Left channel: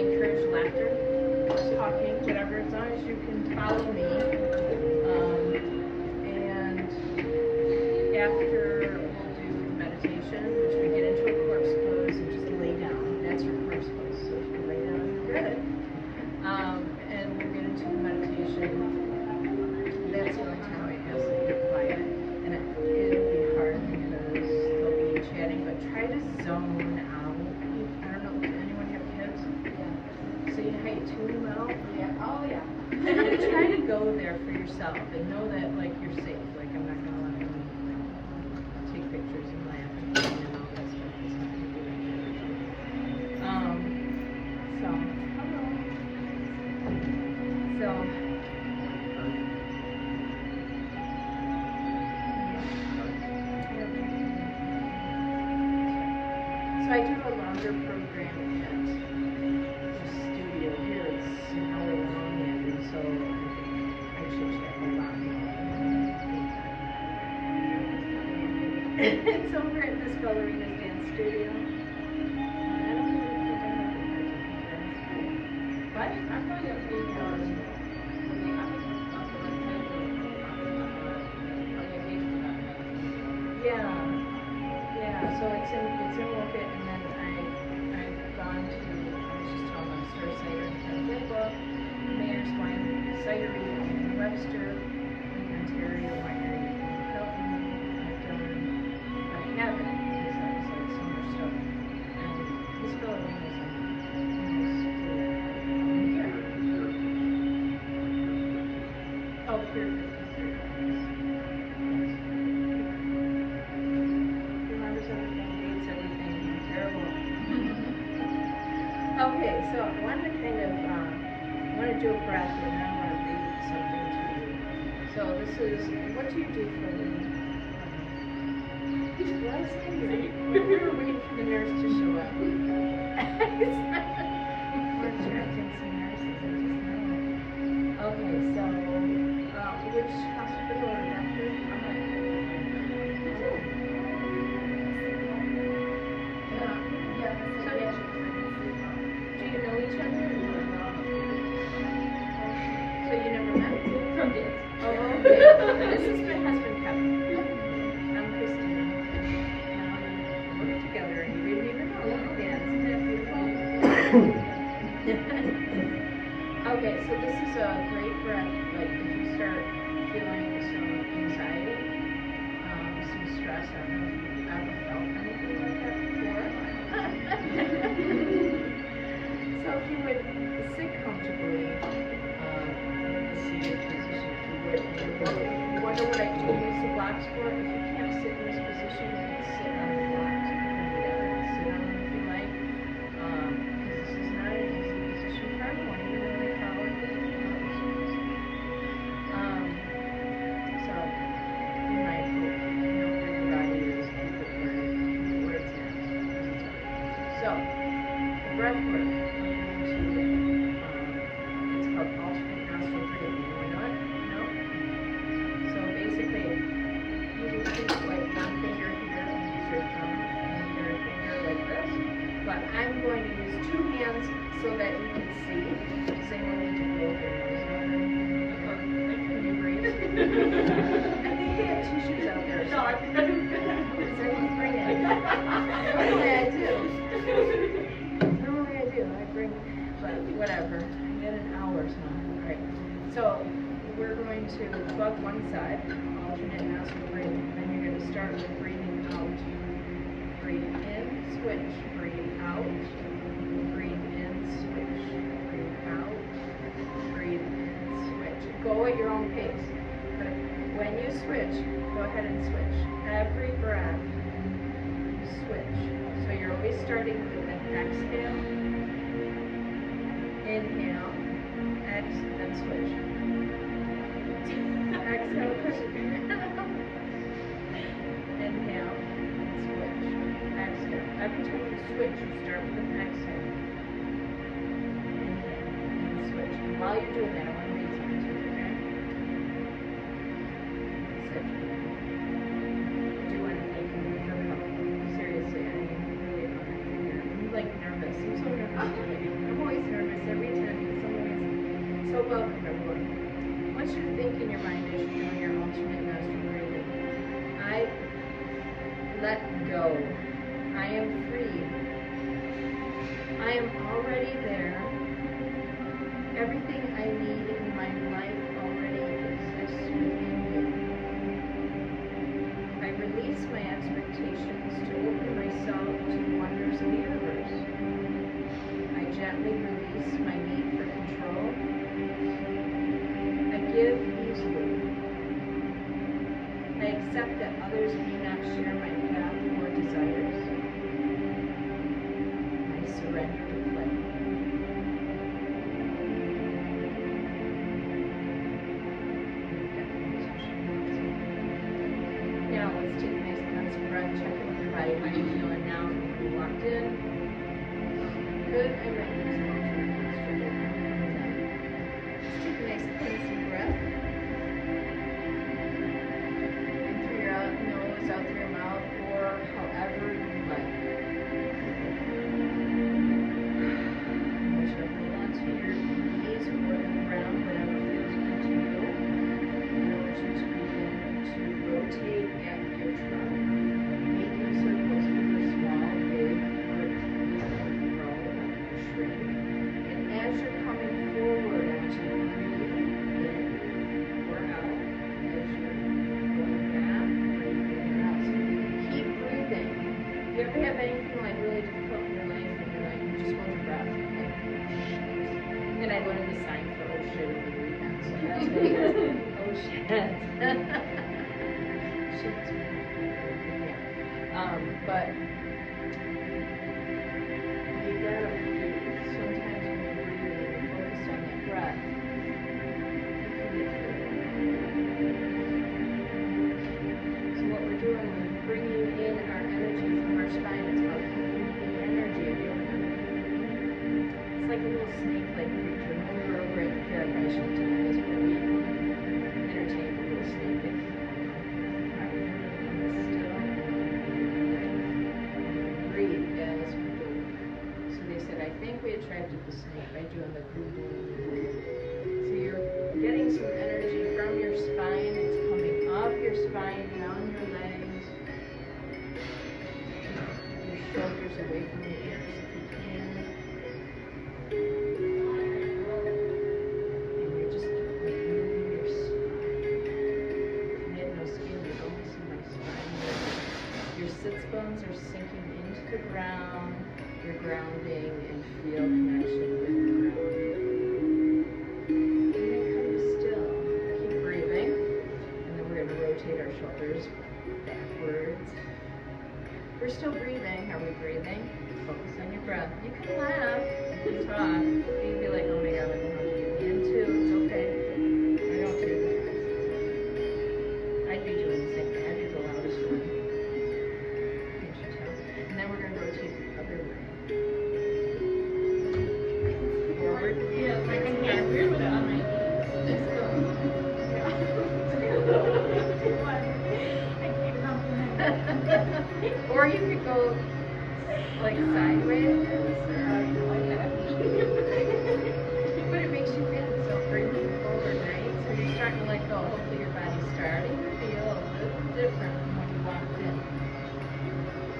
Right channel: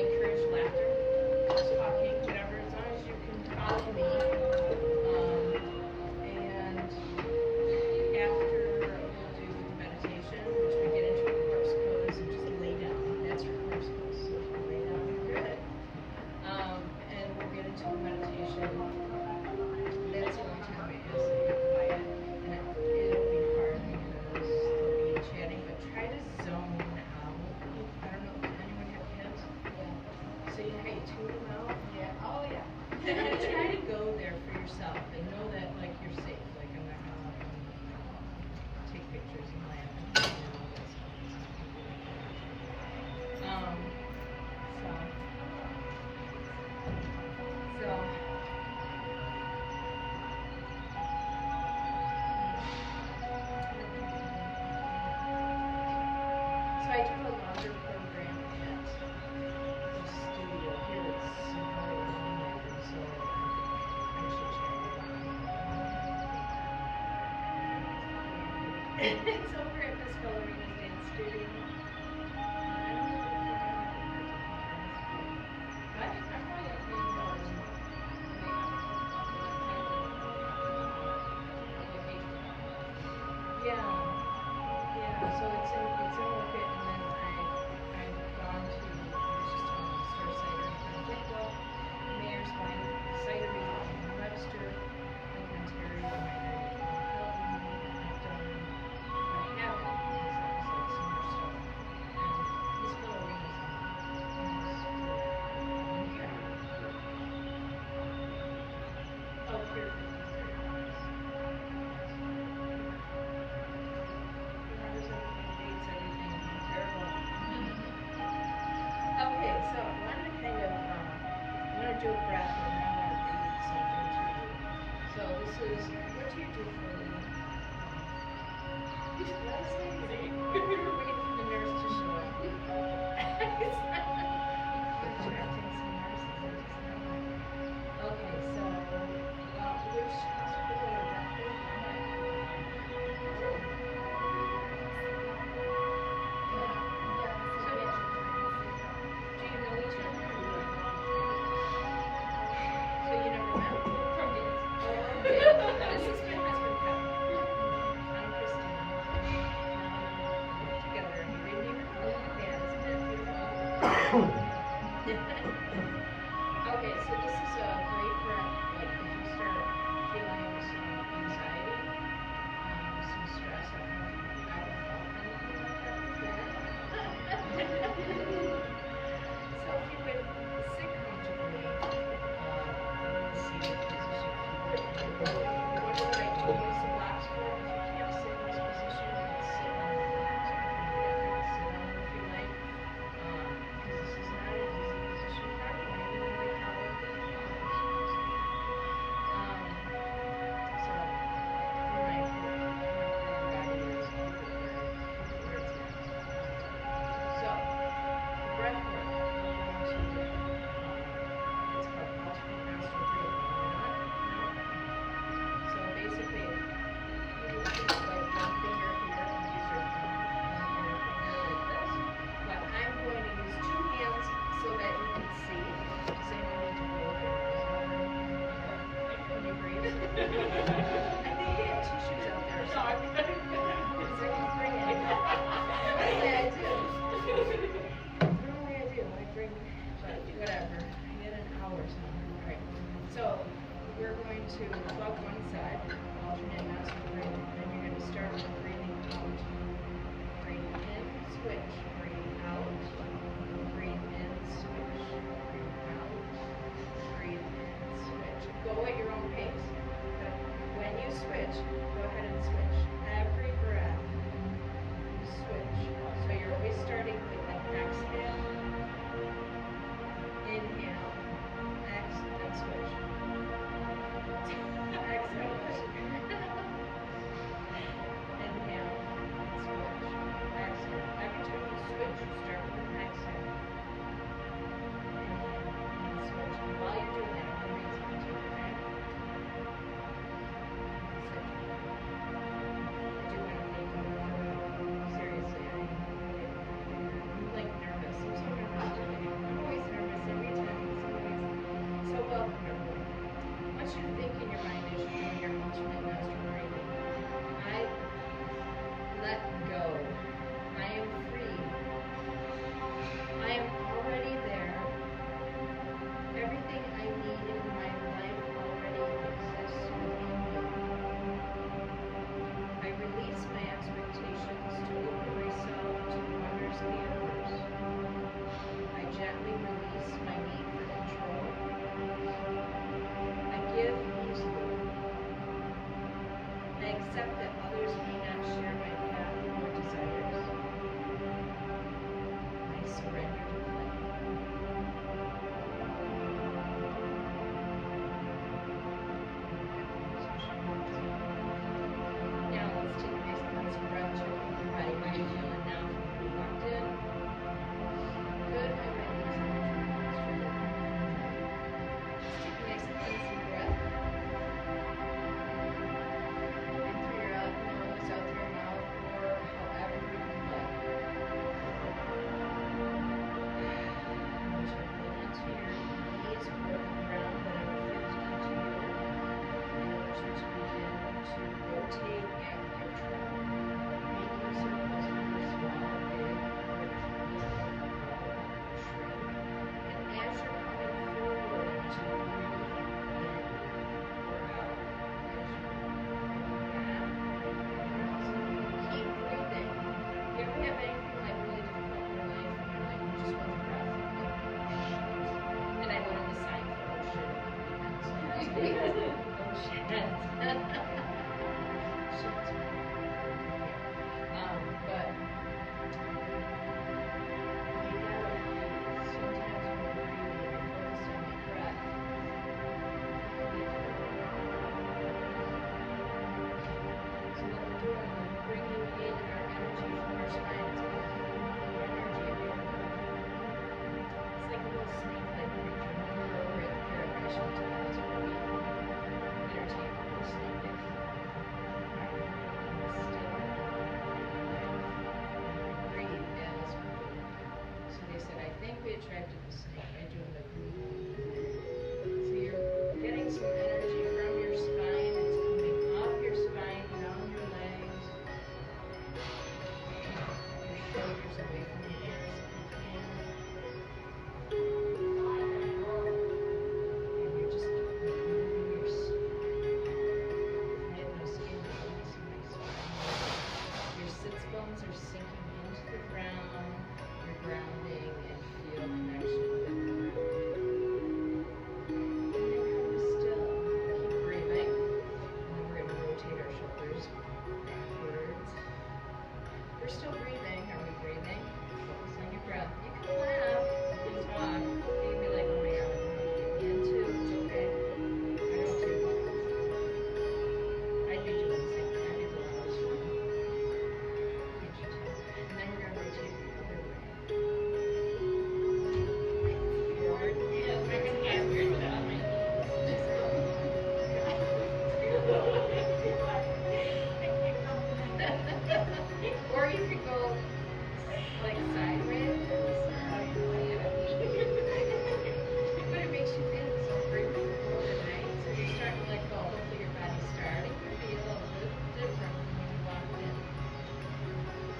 encourage laughter, talking, whatever, as long as you can follow me. And after we'll do meditation, which we get into a corpse pose and just lay down. That's your corpse pose. So if you lay down, you're good. And we'll get into meditation. That's the only time I ask that you're quiet. And it'll be hard because they'll be chatting, but try to zone out. I don't know, does anyone have kids? Yeah. So you know how you tune them out? Yeah. Oh, yeah. And try to go there for yourself and know that like you're safe. Like I'm not gonna let them take pictures and laugh and all that stuff. So I do a longer program at the studio here. It's an hour long, and so I should check a lot more. It's over at Miss Ballerina's dance studio. And I don't really think I have the budget. What? I thought you had Yeah, so it's in Woket, and then I've gone to, I was just telling them, Star Cider in Canandaigua, Mayor's Wine Cidery in Webster, in Ontario Winery in Hilton. I've done, I haven't, because that was like so much stuff, and this Ballerina's in here. Oh, Pier 53. Okay, so I want to kind of do a breath, and then I want to read something to you. So this is, what do you do for a living? Well, we were waiting for the nurse to show up. We're directing some nurses, I just know. Okay, so which hospital or doctor? So you never met? From dance. Oh, okay. This is my husband, Kevin. I'm Christina. We worked together and you didn't even know. Yeah, isn't that beautiful? Okay, so this is a great breath. Like if you start feeling some anxiety, some stress, I don't know if you've ever felt anything like that before. So if you would sit comfortably, seated position, if you would. What would I do use the blocks for? If you can't sit in this position, you can sit on the blocks. You can whatever, sit on them if you like. Because this is not an easy position for everyone, even though they follow the instructions. So you might hope, where your body is, keep it where it's at. So the breath work, we're going to it's called alternate nostril breathing. You know it? No? So basically, you would keep like one finger here and use your thumb and your finger like this. But I'm going to use two hands so that you can see. Does anyone need to blow their nose out or anything? Can you breathe? I think they have tissues out there. So I can bring it. Normally I do. I bring, but whatever. We had an hour so. Alright. So we're going to plug one side, alternate nostril breathing. Then you're going to start with breathing out. Breathe in, switch. Breathe out. Breathe in, switch. Breathe out. Breathe in, switch. Go at your own pace. But when you switch, go ahead and switch. Every breath, you switch. So you're always starting with an exhale. Inhale, exhale, then switch. Exhale, push it. Inhale, switch. Exhale. Every time you switch, you start with an exhale. Inhale, and switch. And while you're doing that, I want to read something to you, okay? Sit. I do want to thank you for help. Seriously, I'm like nervous. I'm so nervous. I'm always nervous. So welcome, everyone. I want you to think in your mind as you're doing your alternate nostril breathing. I let go. I am free. I am already there. Everything I need in my life already exists within me. I release my expectations to open myself to the wonders of the universe. I gently release my need for control. I give easily. I accept that others may not share my path or desires. I surrender to play. Now let's take a nice cleansing breath. Check in with your body. How are you feeling now from when you walked in? Good. I read these alternate nostril breathing. Let's take a nice cleansing breath. In through your nose, out through your mouth, or however you like. Hold onto your knees or the ground, whatever feels good to you. I want you to begin to rotate at your trunk, making circles with your small, big, roots, grow, shrink. And as you're coming forward, I want you to breathe in or out as you're going back or going out. So keep breathing. If you ever have anything like really difficult in your life and you're like, you just want your breath, like, oh shit. And I learned the sign for oh shit over the weekend. So that's what it is. Oh shit. Shit's but you gotta breathe. Sometimes when you're breathing and you're focused on that breath, you can get through it. So what we're doing, when we bring you in our energy from our spine, it's called the energy of your breath. It's like a little snake-like creature. When we were over at the Paragliding tonight, is where we entertained a little snake that came still. Breathe as we breathe. So they said, I think we attracted the snake by doing the breathing. So you're getting some energy from your spine. It's coming up your spine, down your legs, your shoulders away from your ears if you can. And you're just like moving your spine. I have no skin, you don't see my spine. Your sits bones are sinking into the ground. You're grounding and feel connection with the ground. And then come to still. Keep breathing. And then we're going to rotate our shoulders backwards. We're still breathing. Are we breathing? Focus on your breath. You can laugh. You can talk. You can be like, oh my god, I don't know how to get me into. It's okay. I don't take it. I'd be doing the same thing. I'd be the loudest one. Can't you tell? And then we're going to rotate the other way. Forward. Yes, I can hear weird with it on my knees. I can't comprehend. Or you could go like sideways. But it makes you think, so bring me forward, right? So you're starting to let go. Hopefully your body's starting to feel a little different from when you walked in.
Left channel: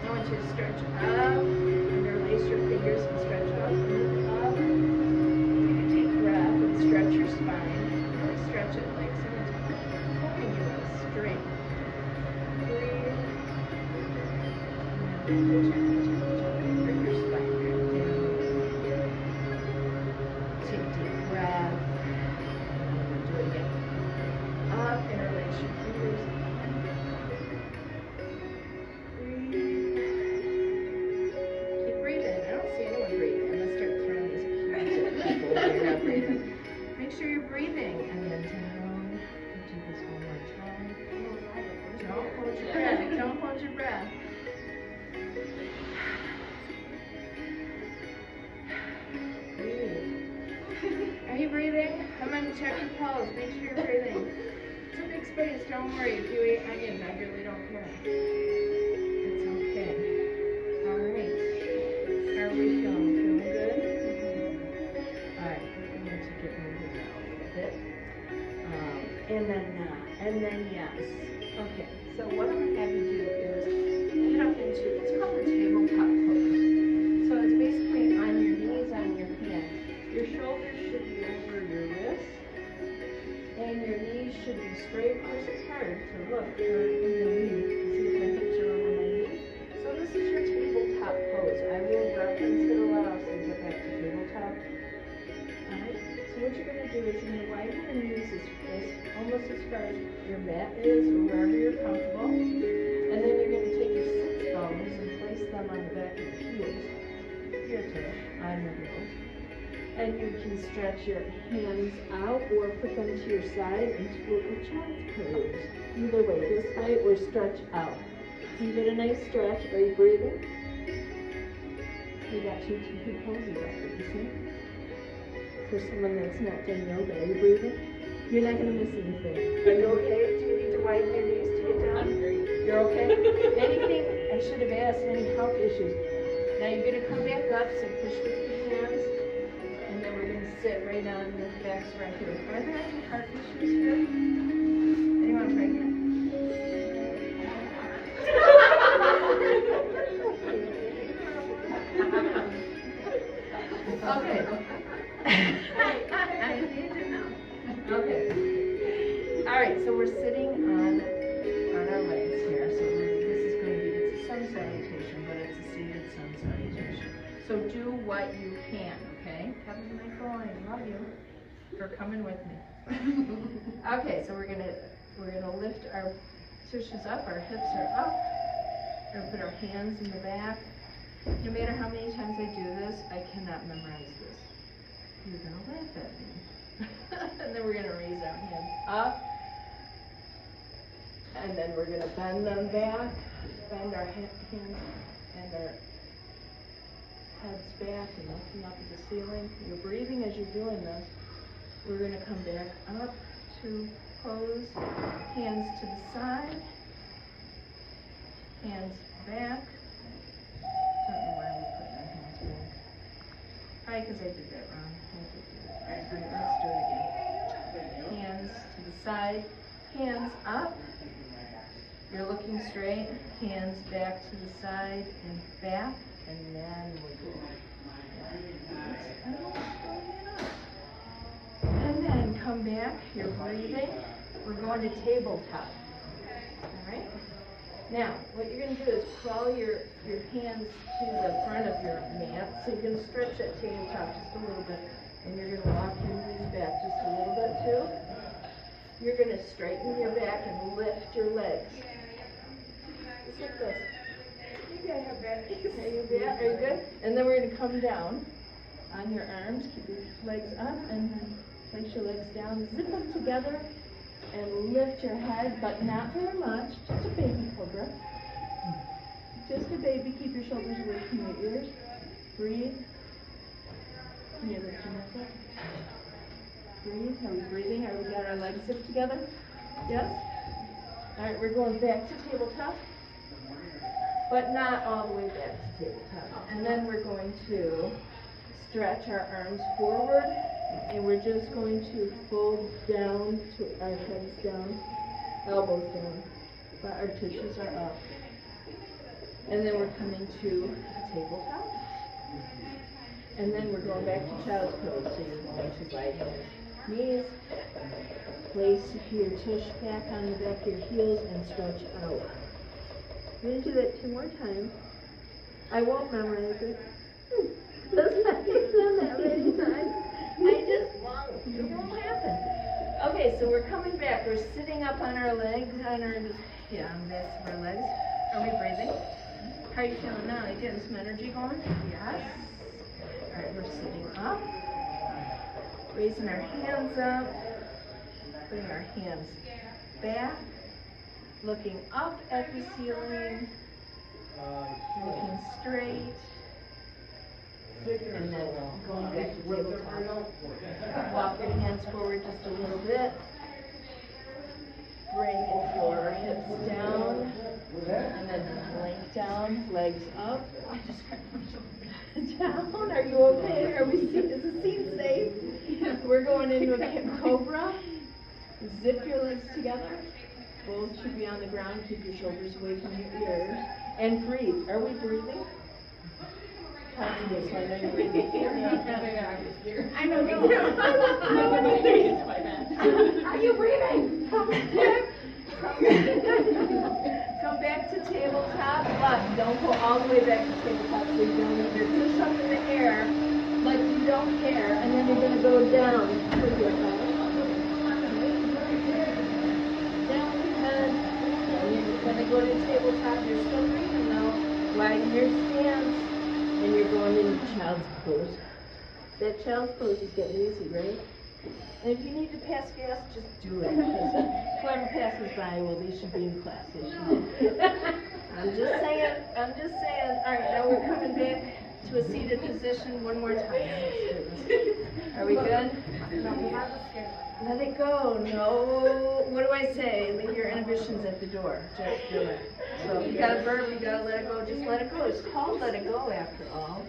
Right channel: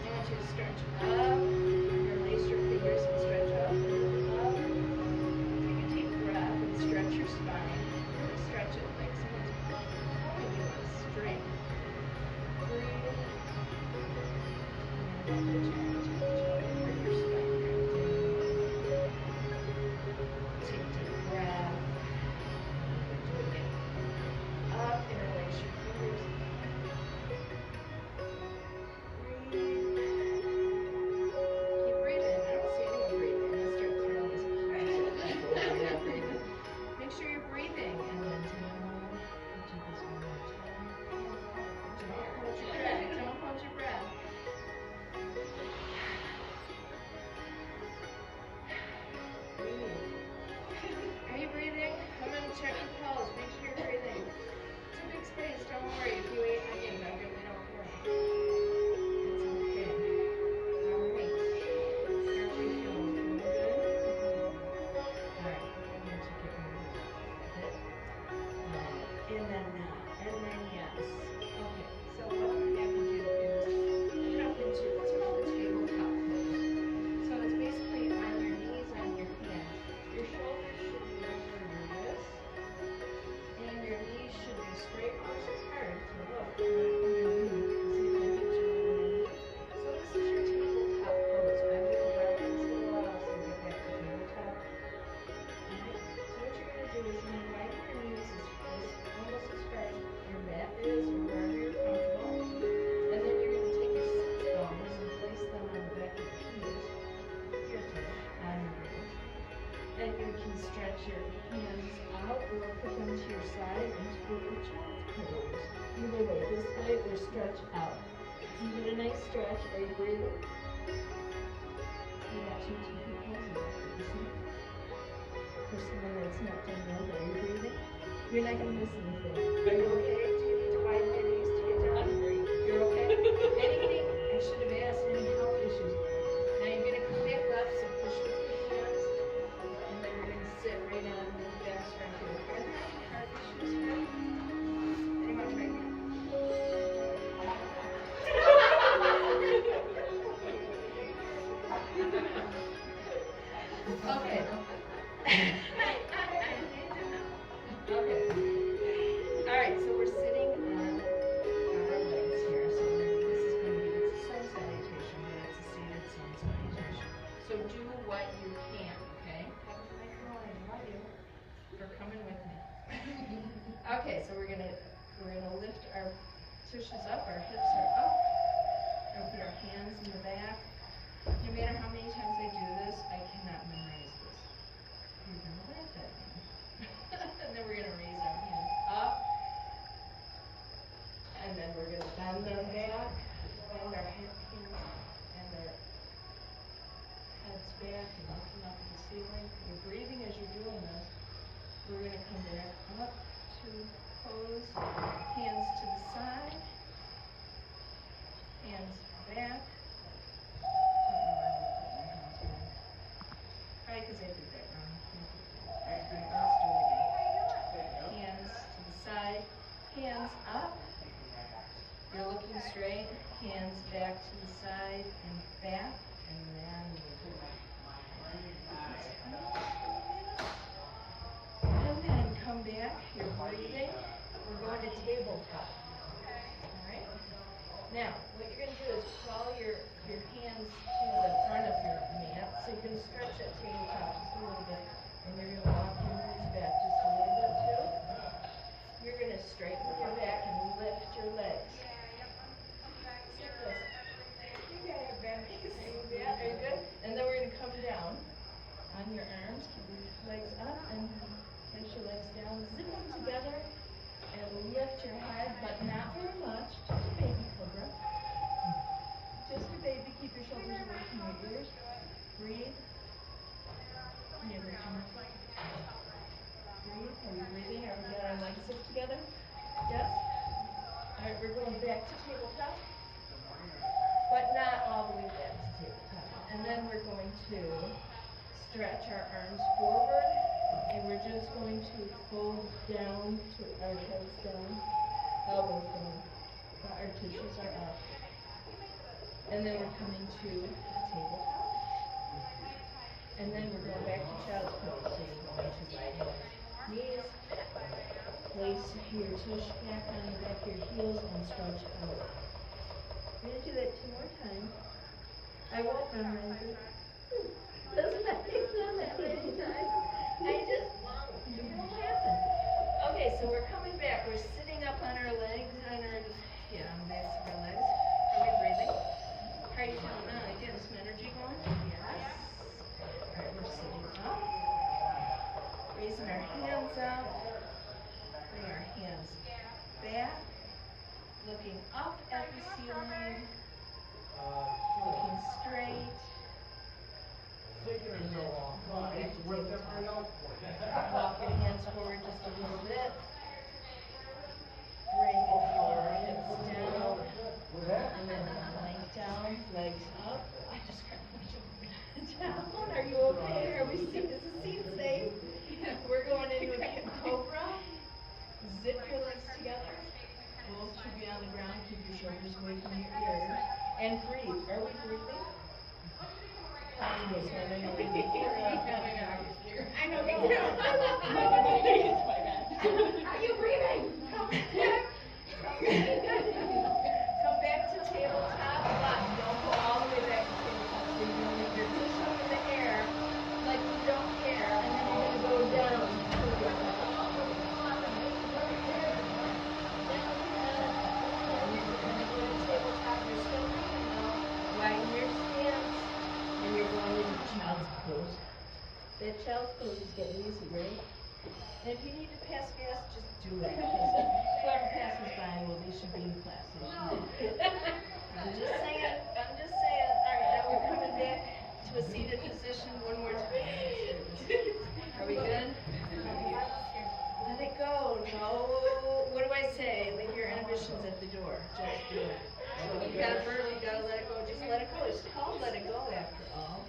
I want you to stretch up, interlace your fingers and stretch up, move up. Take a deep breath and stretch your spine. Really stretch it like someone's pulling you on a string. Breathe. And then gently bring your spine back down. Take a deep breath. And then do it again. Up, interlace your fingers. Breathe. Keep breathing. I don't see anyone breathing. I'm gonna start throwing these cues at people when you're not breathing. Make sure you're breathing. And then down. We'll do this one more time. Don't hold your breath. Don't hold your breath. Breathe. Are you breathing? I'm going to check your pulse. Make sure you're breathing. It's a big space. Don't worry. If you ate onions, I really don't care. It's okay. All right. How are we feeling? Feeling good? All right. I'm going to get moving. And then yes. Okay, so what I'm gonna have you do is get up into, it's called the tabletop pose. So it's basically on your knees, on your hands. Your shoulders should be over your wrists, and your knees should be straight. Of course, it's hard to look for your knee. See if my hips are over my knees. So this is your tabletop pose. I will reference it a lot. I'll say get back to tabletop. Alright, so what you're going to do is you're going to widen your knees as almost as far as your mat is or wherever you're comfortable. And then you're going to take your sit bones and place them on the back of your heels. Here, Tish, on the heels. And you can stretch your hands out or put them to your side and do a child's pose. Either way, this way or stretch out. So you get a nice stretch. Are you breathing? You got two poses up, you see? For someone that's not done yoga, are you breathing? You're not going to miss anything. Are you okay? Do you need to widen your knees to get down? I'm great. You're okay? Anything? I should have asked any health issues. Now you're going to come back up, so push with your hands, and then we're going to sit right on the back right here. Are there any heart issues here? Anyone pregnant? Okay. I need to know. Okay. All right, so we're sitting on our legs here. So this is going to be, it's a sun salutation, but it's a seated sun salutation. So do what you can, okay? Kevin and Michael, I love you for coming with me. Okay, so we're gonna lift our tushes up, our hips are up. We're gonna put our hands in the back. No matter how many times I do this, I cannot memorize this. You're gonna laugh at me. And then we're gonna raise our hands up. And then we're gonna bend them back, bend our hands and our heads back and looking up at the ceiling. You're breathing as you're doing this. We're gonna come back up to pose, hands to the side, hands back. I don't know why we put our hands back. Probably because I did that wrong. Alright, let's do it again. Hands to the side, hands up. You're looking straight, hands back to the side and back, and then we'll do it. And then come back, you're breathing. We're going to tabletop. Alright? Now, what you're going to do is crawl your hands to the front of your mat. So you're going to stretch that tabletop just a little bit. And you're going to walk your knees back just a little bit too. You're going to straighten your back and lift your legs. Just like this. Maybe I have bad knees. Are you good? And then we're going to come down on your arms. Keep your legs up and then place your legs down. Zip them together and lift your head, but not very much. Just a baby cobra. Just a baby. Keep your shoulders away from your ears. Breathe. Can you lift your neck up? Breathe. Are we breathing? Are we got our legs zipped together? Yes? All right, we're going back to tabletop, but not all the way back to tabletop. And then we're going to stretch our arms forward, and we're just going to fold down to our heads down, elbows down, but our tushes are up. And then we're coming to tabletop. And then we're going back to child's pose. So you're going to widen your knees, place your tush back on the back of your heels, and stretch out. We're going to do that 2 more times. I won't memorize it. That's not done that many times. I just won't. It won't happen. Okay, so we're coming back. We're sitting up on our legs, on our, on the backs of our legs. Are we breathing? How are you feeling now? Are you getting some energy going? Yes. All right, we're sitting up. Raising our hands up. Bring our hands back. Looking up at the ceiling. Looking straight. And then going back to tabletop. Walk your hands forward just a little bit. Bring your hips down. And then plank down, legs up. Down. Are you okay? Are we is the seat safe? We're going into a cobra. Zip your legs together. elbows should be on the ground. Keep your shoulders away from your ears. And breathe. Are we breathing? Talk to me so I know you're breathing. I know, me too. Are you breathing? Come back to tabletop, but don't go all the way back to tabletop. So you're going to leave your tush up in the air like you don't care, and then you're going to go down with your head. Down your head. And you're going to go to tabletop. You're still breathing now. Widen your stance, and you're going into child's pose. That child's pose is getting easy, right? And if you need to pass gas, just do it. Whoever passes by, well, they should be in class. I'm just saying. All right, now we're coming back to a seated position one more time. Are we good? Let it go. No. What do I say? Leave your inhibitions at the door. Just do it. So if you got a burp, you got to let it go. Just let it go. It's called let it go after all.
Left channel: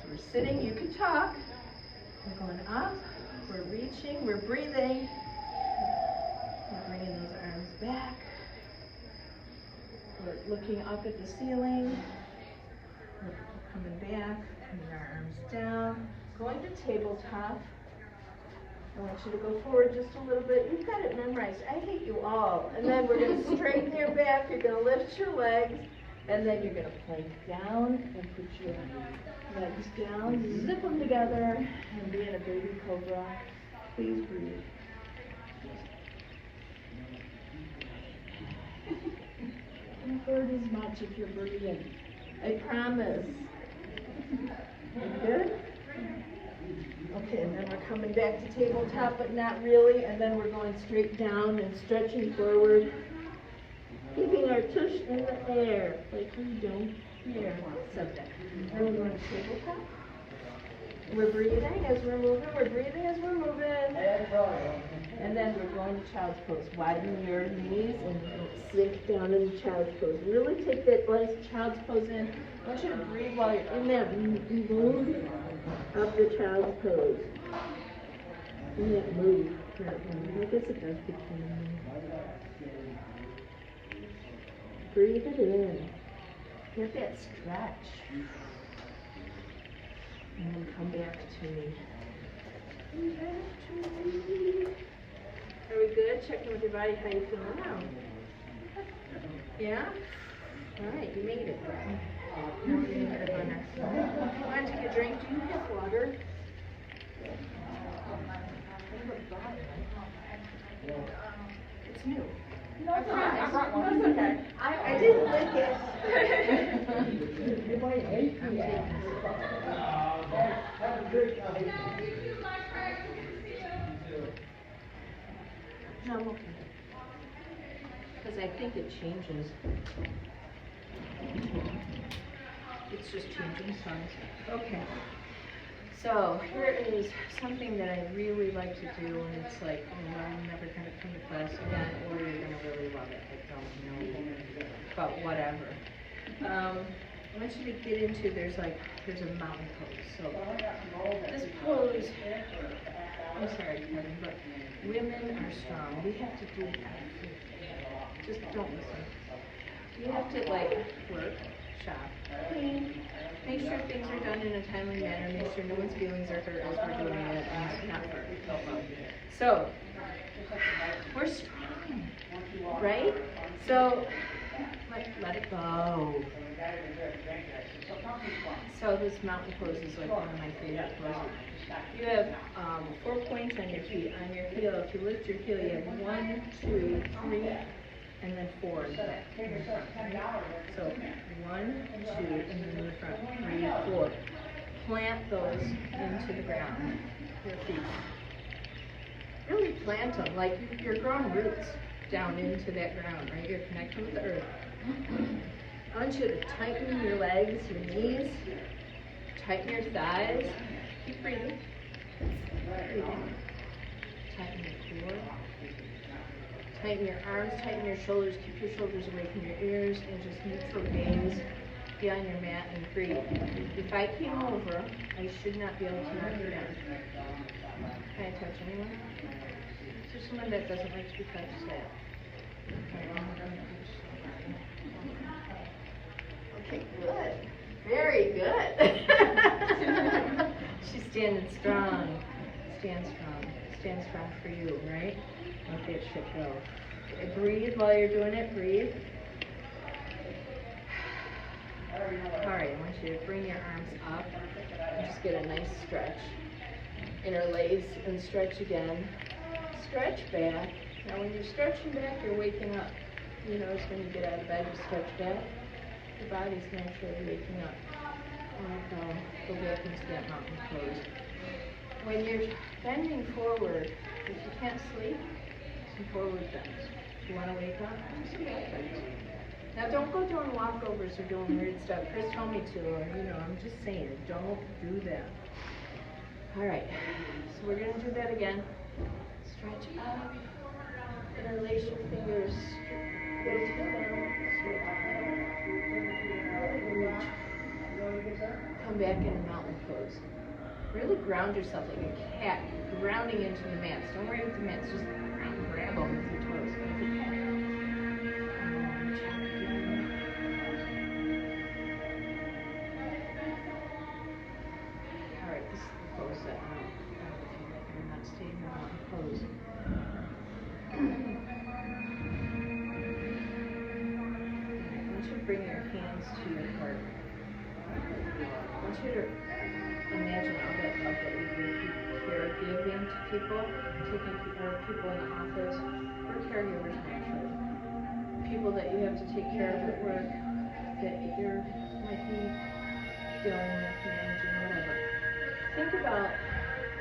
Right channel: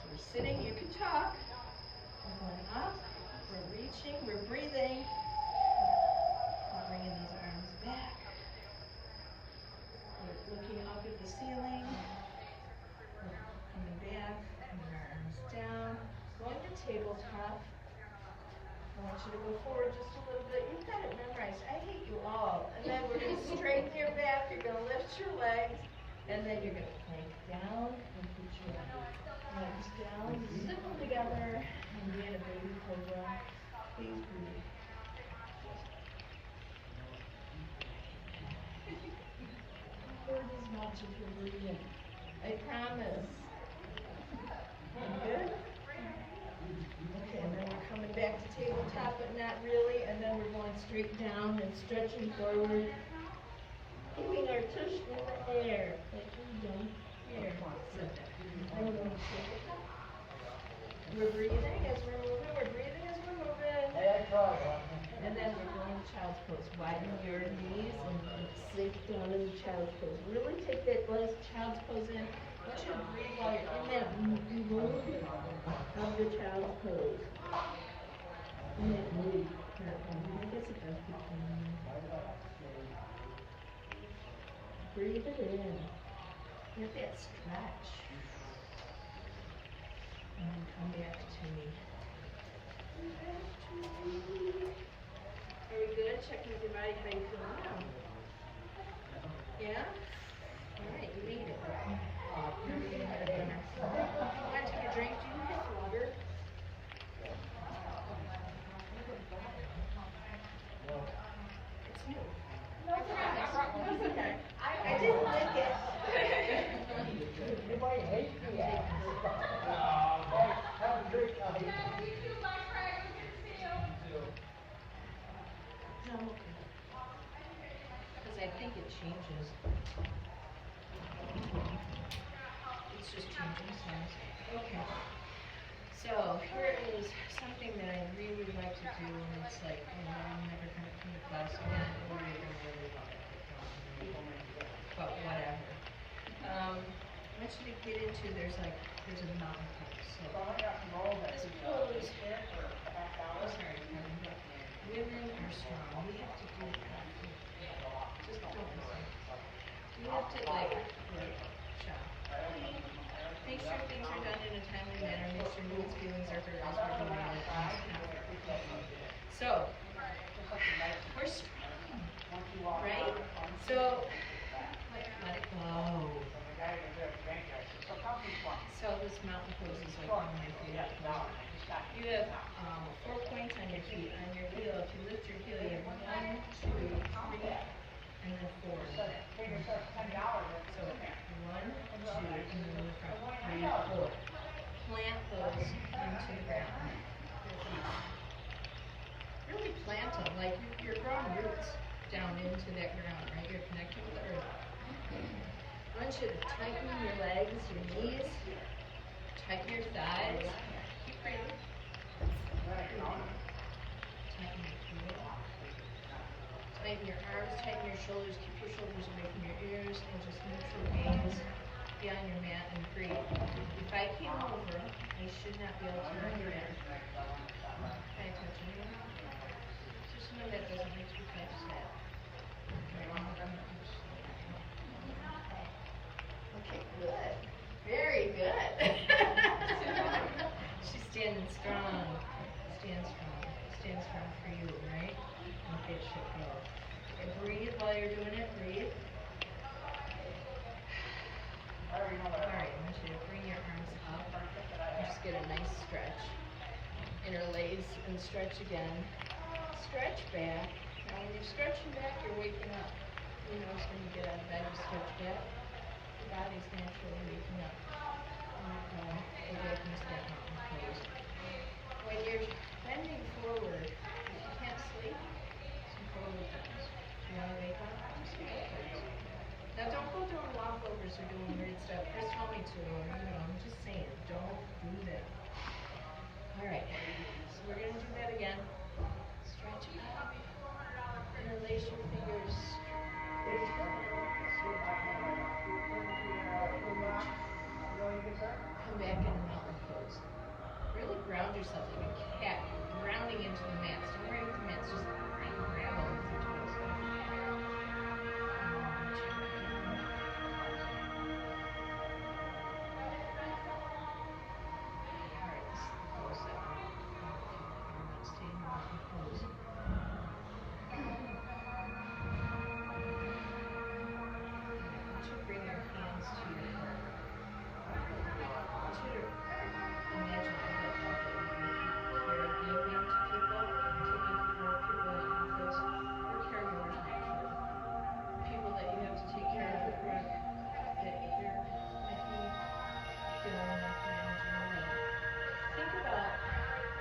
So we're sitting. You can talk. We're going up. We're reaching, we're breathing. We're bringing these arms back. We're looking up at the ceiling. We're coming back, coming our arms down. Going to tabletop. I want you to go forward just a little bit. You've got it memorized. I hate you all. And then we're going to straighten your back. You're going to lift your legs. And then you're going to plank down and put your legs down. Zip them together and be in a baby cobra. Please breathe. Don't hurt as much if you're breathing. I promise. You good? Okay, and then we're coming back to tabletop, but not really. And then we're going straight down and stretching forward. Keeping our tush in the air, like we don't care. Said that. Then we're going to tabletop. We're breathing as we're moving. We're breathing as we're moving. And then we're going to child's pose. Widen your knees and sink down into child's pose. Really take that last child's pose in. I want you to breathe while you're in that mood of the child's pose. In that mood. I guess it does become a mood. Breathe it in. Get that stretch. And then come back to me. Are we good? Checking with your body. How you feeling now? Yeah? All right, you made it. Now we're going to get a runner. Want to take a drink? Do you have water? It's new. That's okay. I didn't like it. No, I'm okay. Because I think it changes. It's just changing size. Okay. So here is something that I really like to do, and it's like, I'm never going to come to class again, or you're going to really love it. I don't know, but whatever. I want you to get into, there's a mountain pose. So this pose, I'm sorry, Kevin, but women are strong. We have to do that. Just don't listen. We have to work, shop, clean, make sure things are done in a timely manner, make sure no one's feelings are hurt as we're doing it, and not hurt. So, we're strong, right? So, let it go. So this mountain pose is one of my favorite poses. You have 4 points on your feet. On your heel, if you lift your heel, you have 1, 2, 3, and then 4 in the back. So 1, 2, and then in the front, 3, 4. Plant those into the ground, your feet. Really plant them, like you're growing roots down into that ground, right? You're connecting with the earth. I want you to tighten your legs, your knees, tighten your thighs. Keep breathing. Tighten your core. Tighten your arms, tighten your shoulders. Keep your shoulders away from your ears and just neutral gaze. Be on your mat and breathe. If I came over, I should not be able to knock your down. Can I touch anyone? Is there someone that doesn't like to be touched? Say it. Okay, good. Very good. She's standing strong. Stand strong. Stand strong for you, right? Let that shit go. Okay, breathe while you're doing it. Breathe. Alright, I want you to bring your arms up and just get a nice stretch. Interlace and stretch again. Stretch back. Now when you're stretching back, you're waking up. You notice when you get out of bed, you stretch back. Your body's naturally waking up. Go back into that mountain pose. When you're bending forward, if you can't sleep, some forward bends. If you want to wake up, do some back bends. Now don't go doing walkovers or doing weird stuff. Chris told me to, or I'm just saying, don't do that. Alright, so we're going to do that again. Stretch up. Interlace your fingers. Go to the bottom. Come back in mountain pose. Really ground yourself like a cat, grounding into the mats. Don't worry with the mats, just grab them with your toes like a cat. Alright, this is the pose that I'm not staying in the mountain pose. I want you to bring your hands to your heart. I want you to imagine all that love that you give caregiving to people, taking care of people in the office. You're caregivers naturally. People that you have to take care of at work, that you might be feeling like managing, whatever. Think about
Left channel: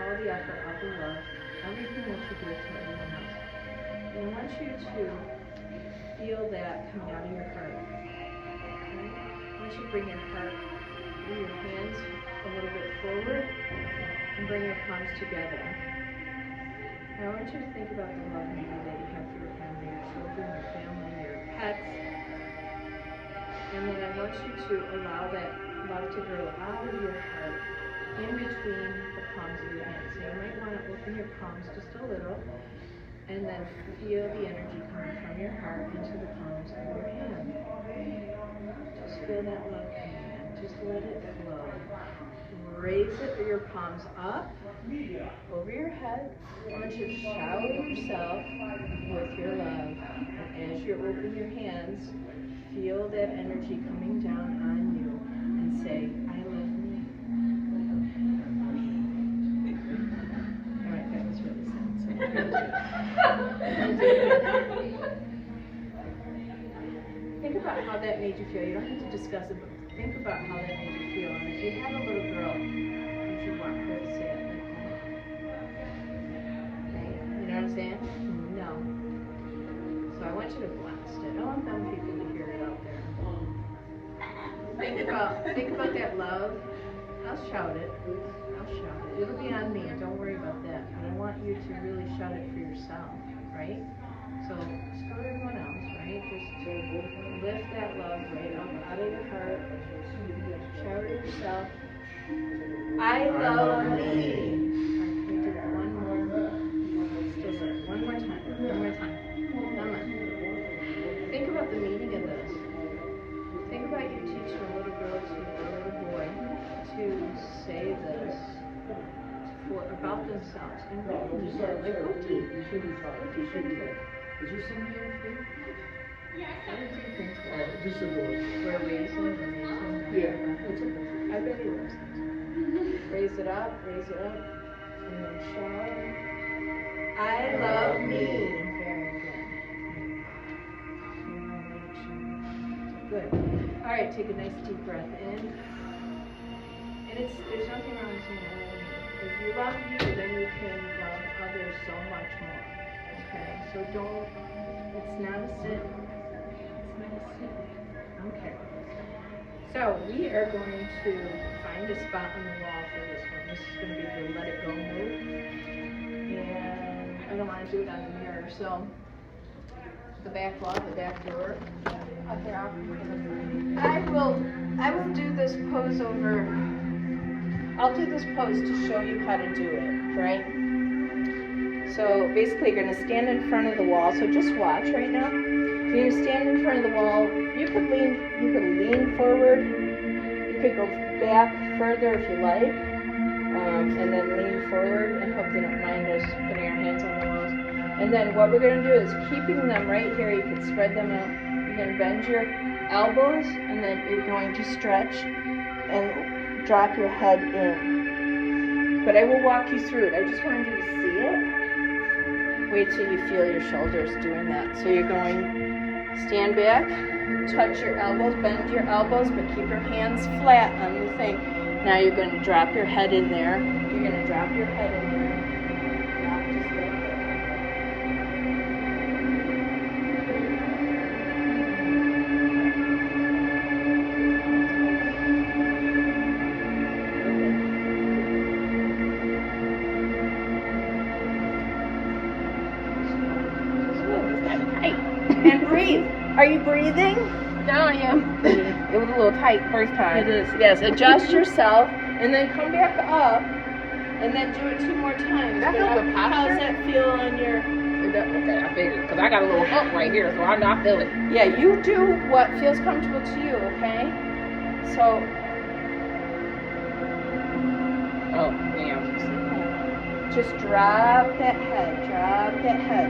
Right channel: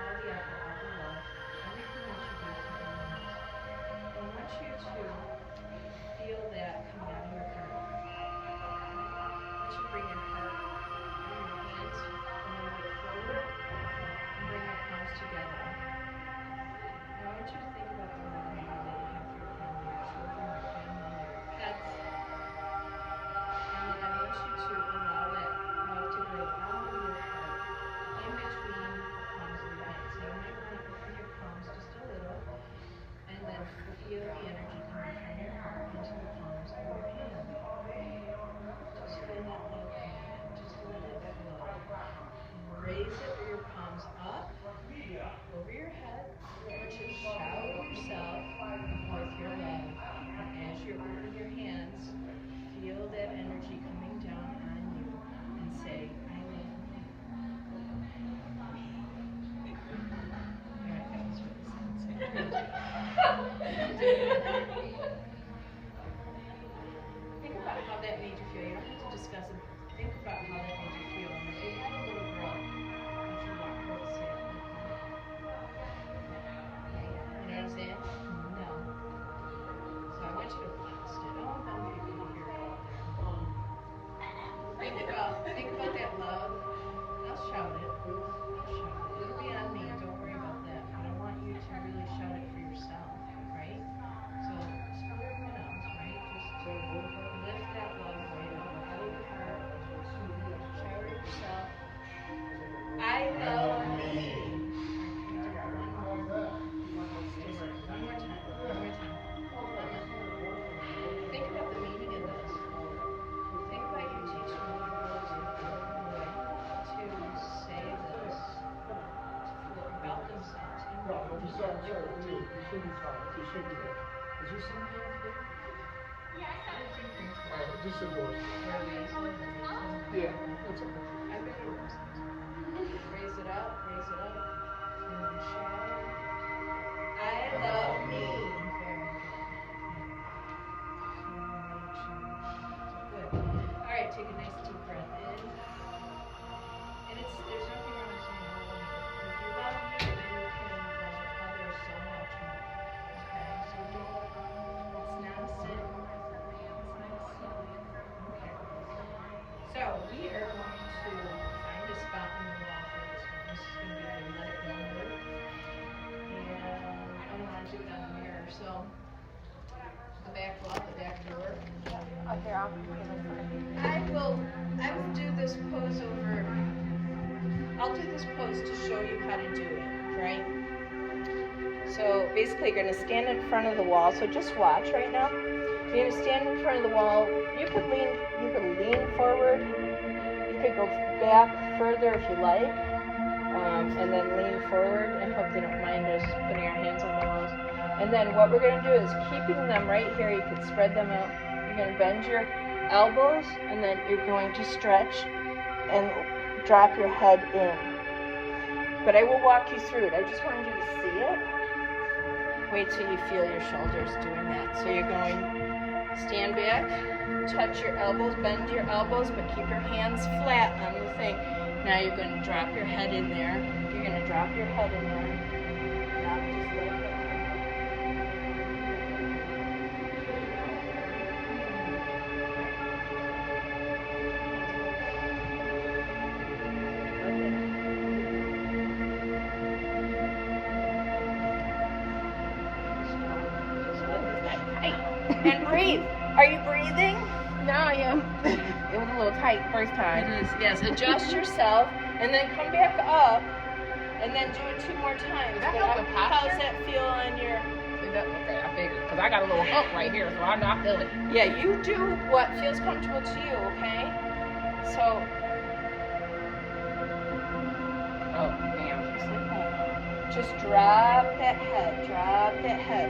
all the effort, all the love, everything that you give to everyone else. I want you to feel that coming out of your heart. Okay? I want you to bring your heart, bring your hands a little bit forward, and bring your palms together. Now I want you to think about the love maybe that you have for your family, your children, your family, your pets. And then I want you to allow that love to grow out of your heart in between the palms of your hands. So you might want to open your palms just a little and then feel the energy coming from your heart into the palms of your hand. Just feel that love coming in. Just let it flow. Raise your palms up over your head. I want you to shower yourself with your love. And as you open your hands, feel that energy coming down on you and say, I love me. Alright, that was really sad. Think about how that made you feel. You don't need to discuss it, but think about how that made you feel. And if you had a little girl, would you want her to say it like that? You know what I'm saying? No. So I want you to blast it. I want them people to hear it out there. Think about that love. I'll shout it. It'll be on me. Don't worry about that. But I want you to really shout it for yourself, right? So it's for everyone else, right? Just lift that love right up out of your heart. Shout it yourself. I love me. Can we do one more? One more time. Come on. Think about the meaning of this. Think about you teaching a little girl to a little boy to say this about themselves and what would you say? Like, go deep. What do you think to it? Is there somebody else there? What do you think to it? Just a voice. We're raising. Yeah, that's okay. I bet it was. Raise it up, and then shout. I love me. Very good. Good. All right, take a nice deep breath in. And there's nothing wrong with saying I love you. If you love you, then you can love others so much more. Okay? So it's not a sin. Okay. So we are going to find a spot on the wall for this one. This is going to be the let it go move. And I don't want to do it on the mirror, so the back wall, the back door. Okay, I will do this pose over. I'll do this pose to show you how to do it, right? So basically you're going to stand in front of the wall. So just watch right now. You're going to stand in front of the wall. You could lean forward. You could go back further if you like. And then lean forward. I hope you don't mind us putting our hands on the walls. And then what we're going to do is keeping them right here. You can spread them out. You're going to bend your elbows, and then you're going to stretch and drop your head in. But I will walk you through it. I just wanted you to see it. Wait till you feel your shoulders doing that. So you're going, stand back, touch your elbows, bend your elbows, but keep your hands flat on the thing. Now you're going to drop your head in there. You're going to drop your head in there. Drop just like that. And breathe. Are you breathing? No, yeah. It was a little tight first time. It is. Yes. Adjust yourself, and then come back up, and then do it 2 more times. That But help the how's posture? that feel on your? Okay, I figured. Because I got a little hook right here, so I feel it. Yeah, you do what feels comfortable to you. Okay. So. Oh, yeah. Just drop that head. Drop that head.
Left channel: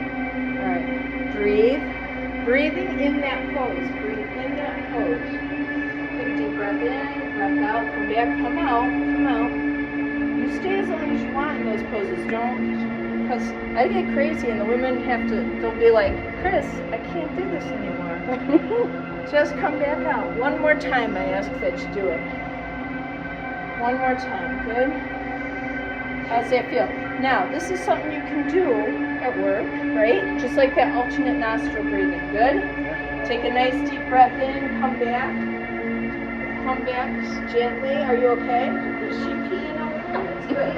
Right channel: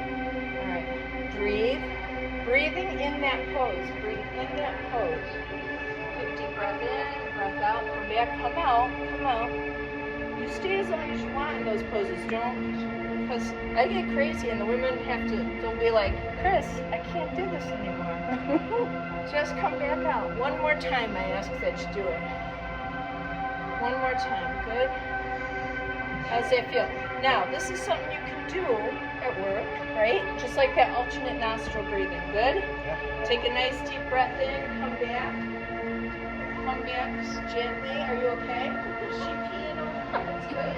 All right. Breathe. Breathing in that pose. Breathe in that pose. Take a deep breath in, breath out, come back, come out, come out. You stay as long as you want in those poses. Don't, because I get crazy and the women they'll be like, Chris, I can't do this anymore. Just come back out. 1 more time, I ask that you do it. 1 more time. Good? How's that feel? Now, this is something you can do at work, right? Just like that alternate nostril breathing. Good? Take a nice deep breath in, come back. Come back gently. Are you okay? Is she peeing on the floor? That's good.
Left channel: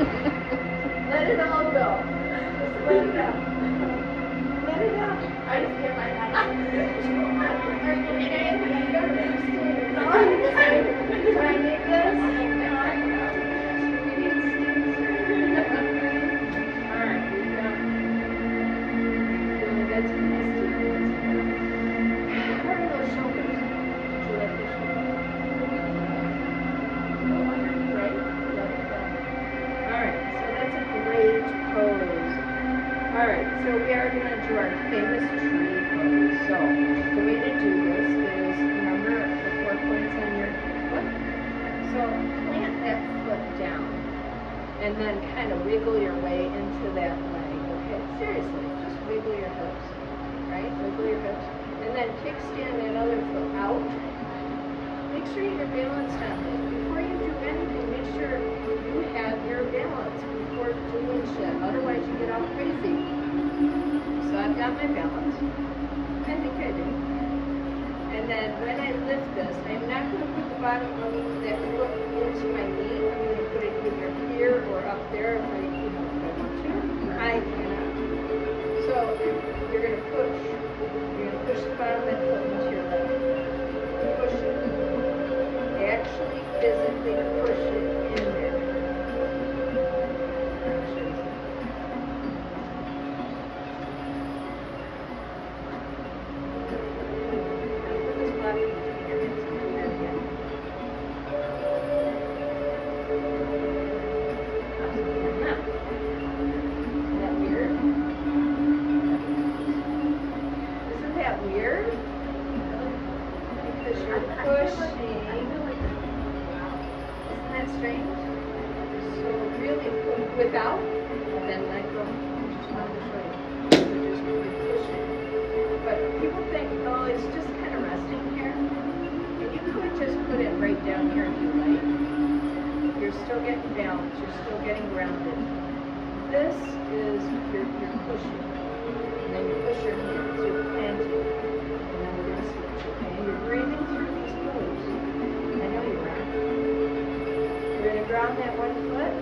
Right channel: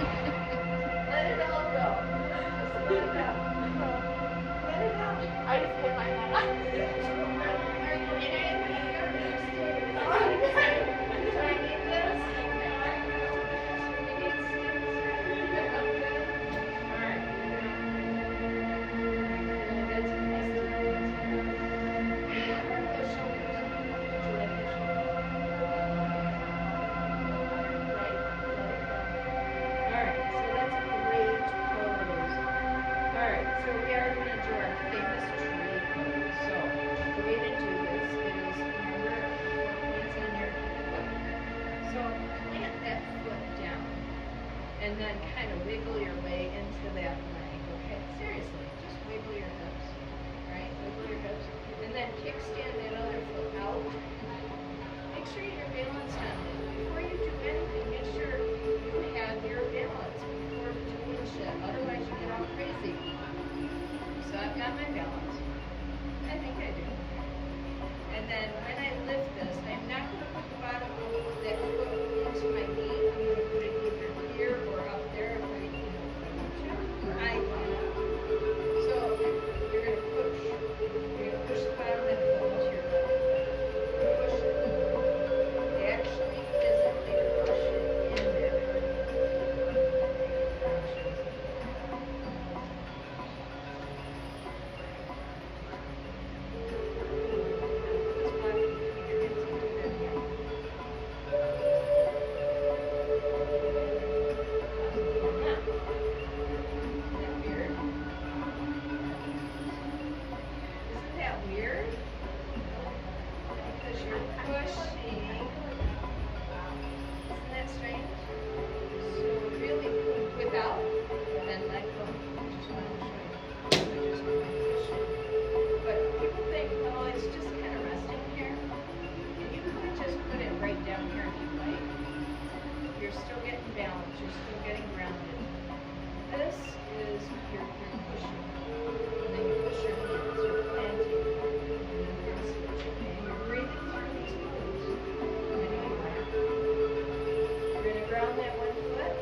Let it all go. Just let it out. Let it out. I just get my hand on. Try and get this. And then kind of wiggle your way into that leg, okay? Seriously, just wiggle your hips, right? Wiggle your hips. And then kickstand that other foot out. Make sure you're balanced on it. Before you do anything, make sure you have your balance before doing shit. Otherwise, you get all crazy. So I've got my balance. I think I do. And then when I lift this, I'm not going to put the bottom of that foot into my knee. I'm going to put it either here or up there if I want to. I cannot. So you're going to push. You're going to push the bottom of that foot into your leg. Push it. Actually physically push it in there. Without, and then let go. Just want to show you. Just pushing. But people think, oh, it's just kind of resting here. And you could just put it right down here if you like. You're still getting balance. You're still getting grounded. This is you're pushing. And then you push your hands. You're planting. And then we're going to switch it. And you're breathing through these moves. I know you are. You're going to ground that one foot.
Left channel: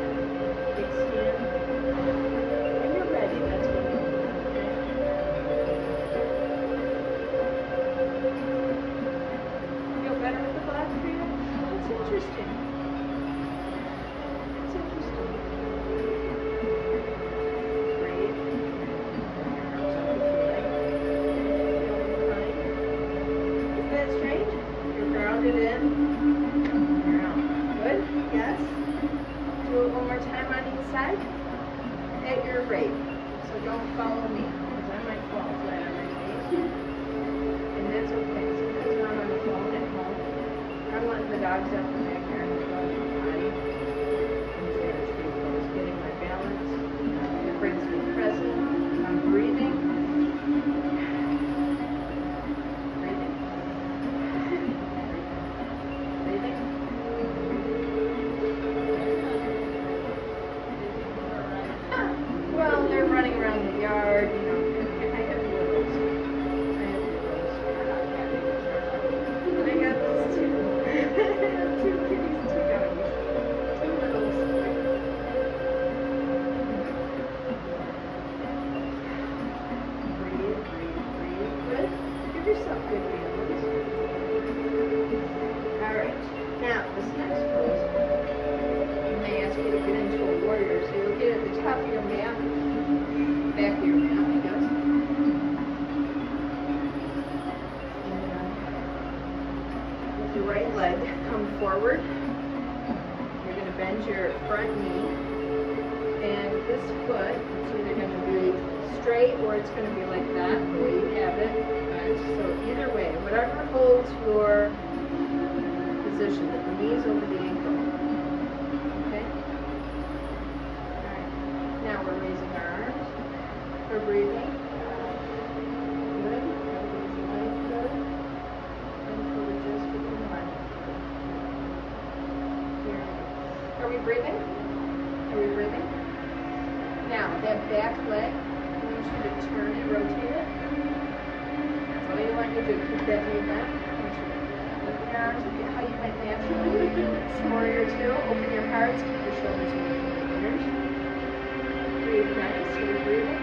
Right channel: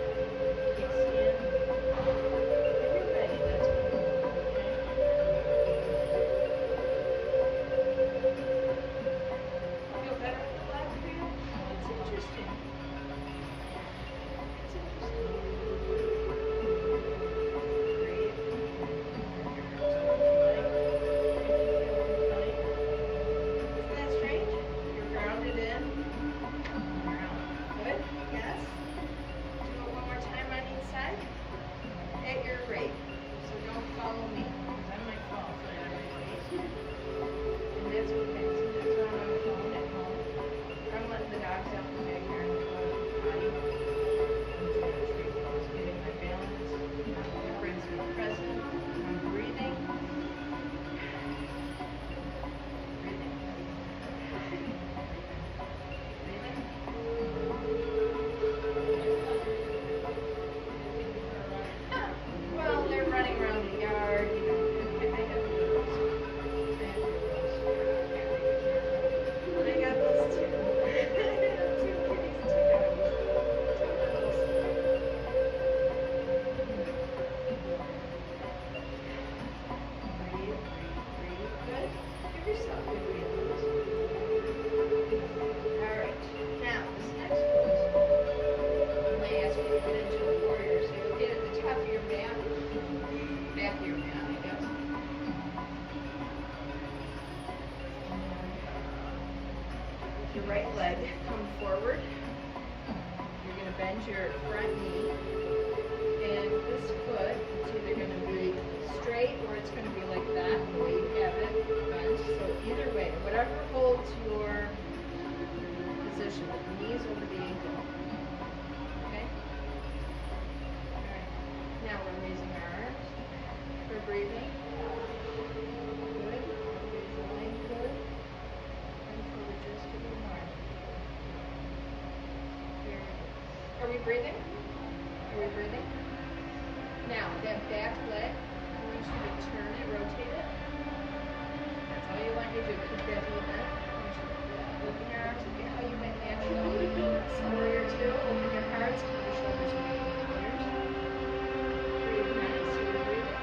side at your rate. So don't follow me, because I might fall flat on my face. And that's okay. Sometimes I'm on the phone at home. I'm letting the dogs out in the backyard and the dogs are potty. I'm doing a tree pose, getting my balance. It brings me present. I'm breathing. Breathing. Breathing. Well, they're running around the yard, you know. I have littles. But I got those two. Two kitties, two doggies. Two littles. Breathe, breathe, breathe. Good. Give yourself good feelings. Alright. Now, this next pose, I may ask you to get into a warrior. So you'll get at the top of your mat, back of your mat, I guess. And with your right leg, come forward. You're going to bend your front knee. And this foot, it's either going to be straight or it's going to be like that, the way you have it. Bent. So either way, whatever holds your position, the knees over the ankle. Okay? Alright. Now we're raising our arms. We're breathing. Good. Everything's nice, good. And totally just with the arm. Here we go. Are we breathing? Are we breathing? Now, that back leg, I want you to turn and rotate it. That's all you want to do. Keep that knee bent. Open your arms, how you went naturally. Some warrior two. Open your hearts, keep your shoulders moving in the ears. Breathe nice, you're breathing.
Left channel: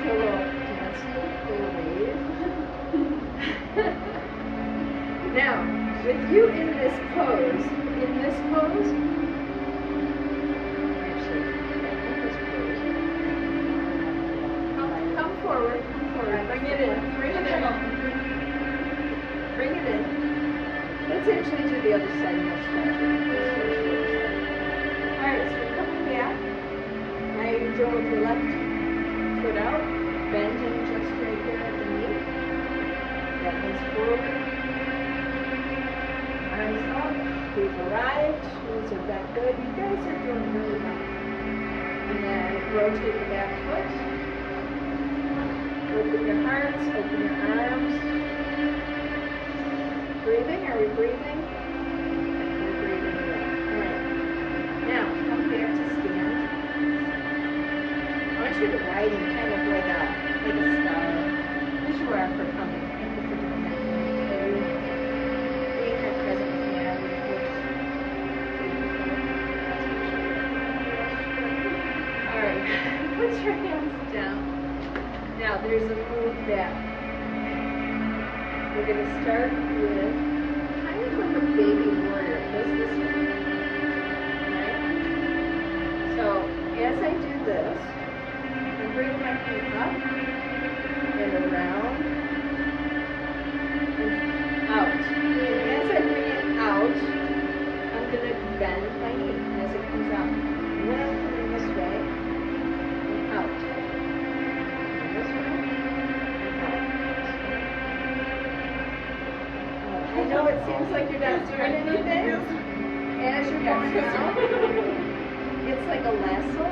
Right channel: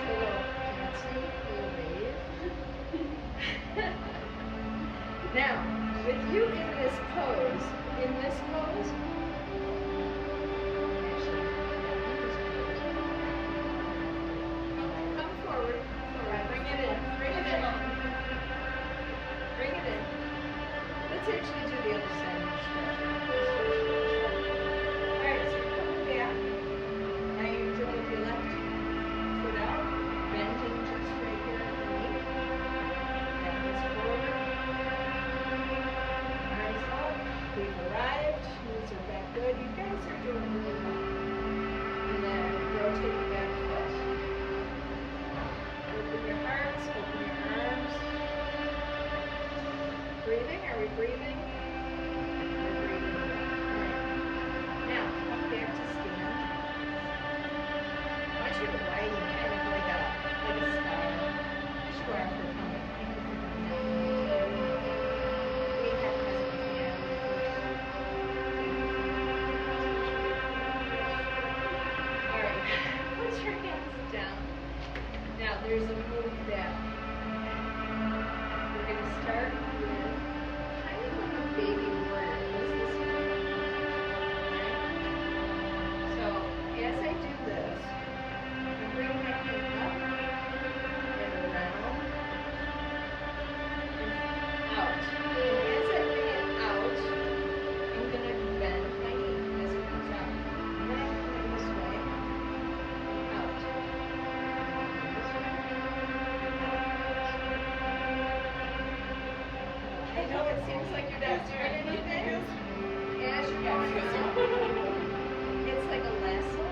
Do a little dancing, wave. Now, with you in this pose, come forward, bring it in, bring it in. Bring it in. Let's actually do the other side more stretching. Alright, so you're coming back. Now you're doing the left foot out, bending just right here at the knee. That one's forward. Arms up. We've arrived. Knees are back good. You guys are doing really well. And then rotate the back foot. Open your hearts, open your arms. Breathing? Are we breathing? We're breathing good. Alright. Now, come back to stand. I want you to widen kind of like a star. As you are for coming. Being that present with me, Alright. Put your hands down. Now, there's a move that we're going to start with kind of like a baby warrior. Does this one? Right? So, as I do this, I'm bringing my feet up and around and out. And as I bring it out, I'm going to bend my knee as it comes out. And then I'm coming this way and out. This way and out. I know it seems like you're not doing anything. As you're coming out, it's like a lasso.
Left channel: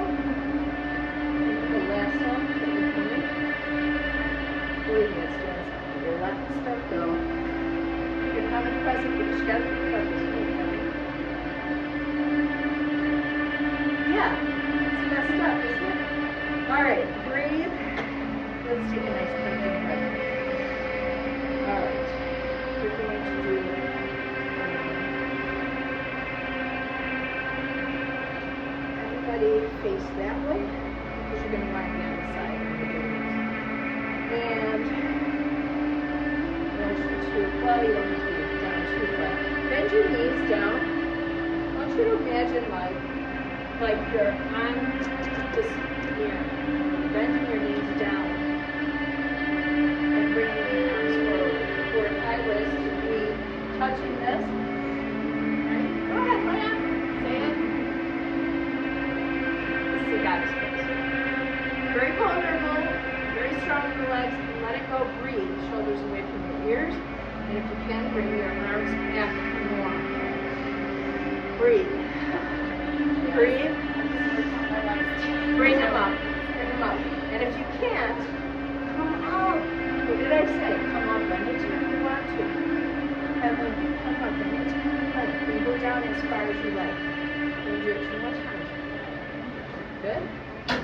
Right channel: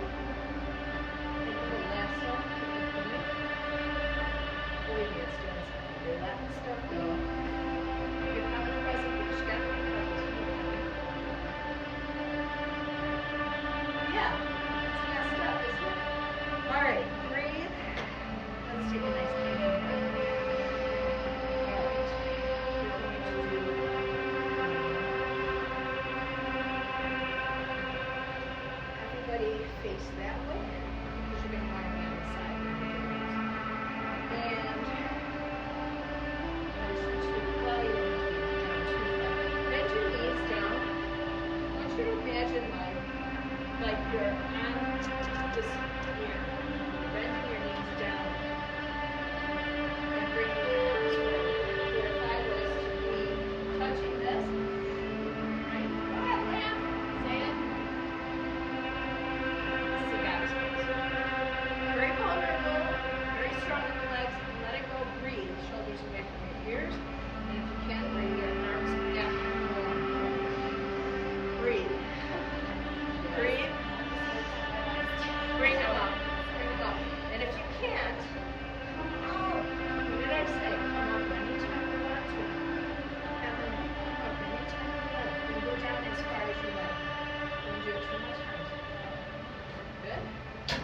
A lasso that you're pulling. Believe me, it's doing something. You're letting stuff go. You're having present, but you gotta be focused. Yeah, it's messed up, isn't it? Alright, breathe. Let's take a nice big deep breath. Alright. We're going to do everybody face that way. Because you're going to want to be on the side. And I want you to, well, you don't need to be down too far. Bend your knees down. I want you to imagine like your arm just here. Bending your knees down. And bringing your arms forward. Or if I was to be touching this, right? Go ahead, lay on. Say it. vulnerable, very strong in the legs, let it go, breathe. Shoulders away from your ears. And if you can, bring your arms back more. Breathe. Breathe. Bring them up. Bring them up. And if you can't, come up. What did I say? Come up anytime you want to. And then come up anytime you like. Then go down as far as you like. Don't do it too much. Good?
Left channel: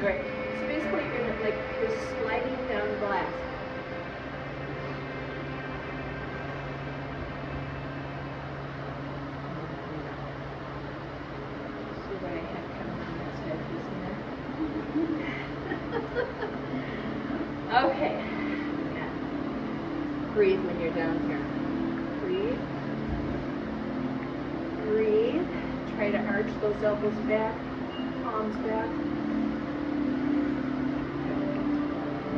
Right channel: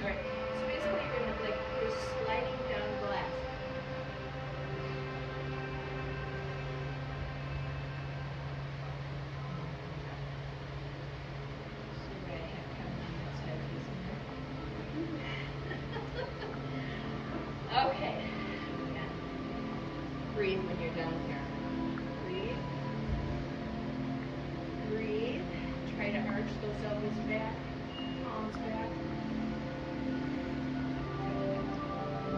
Great. So basically you're gonna you're sliding down glass. See what I have coming on this head piece here. Okay. Yeah. Breathe when you're down here. Breathe. Breathe. Try to arch those elbows back, palms back.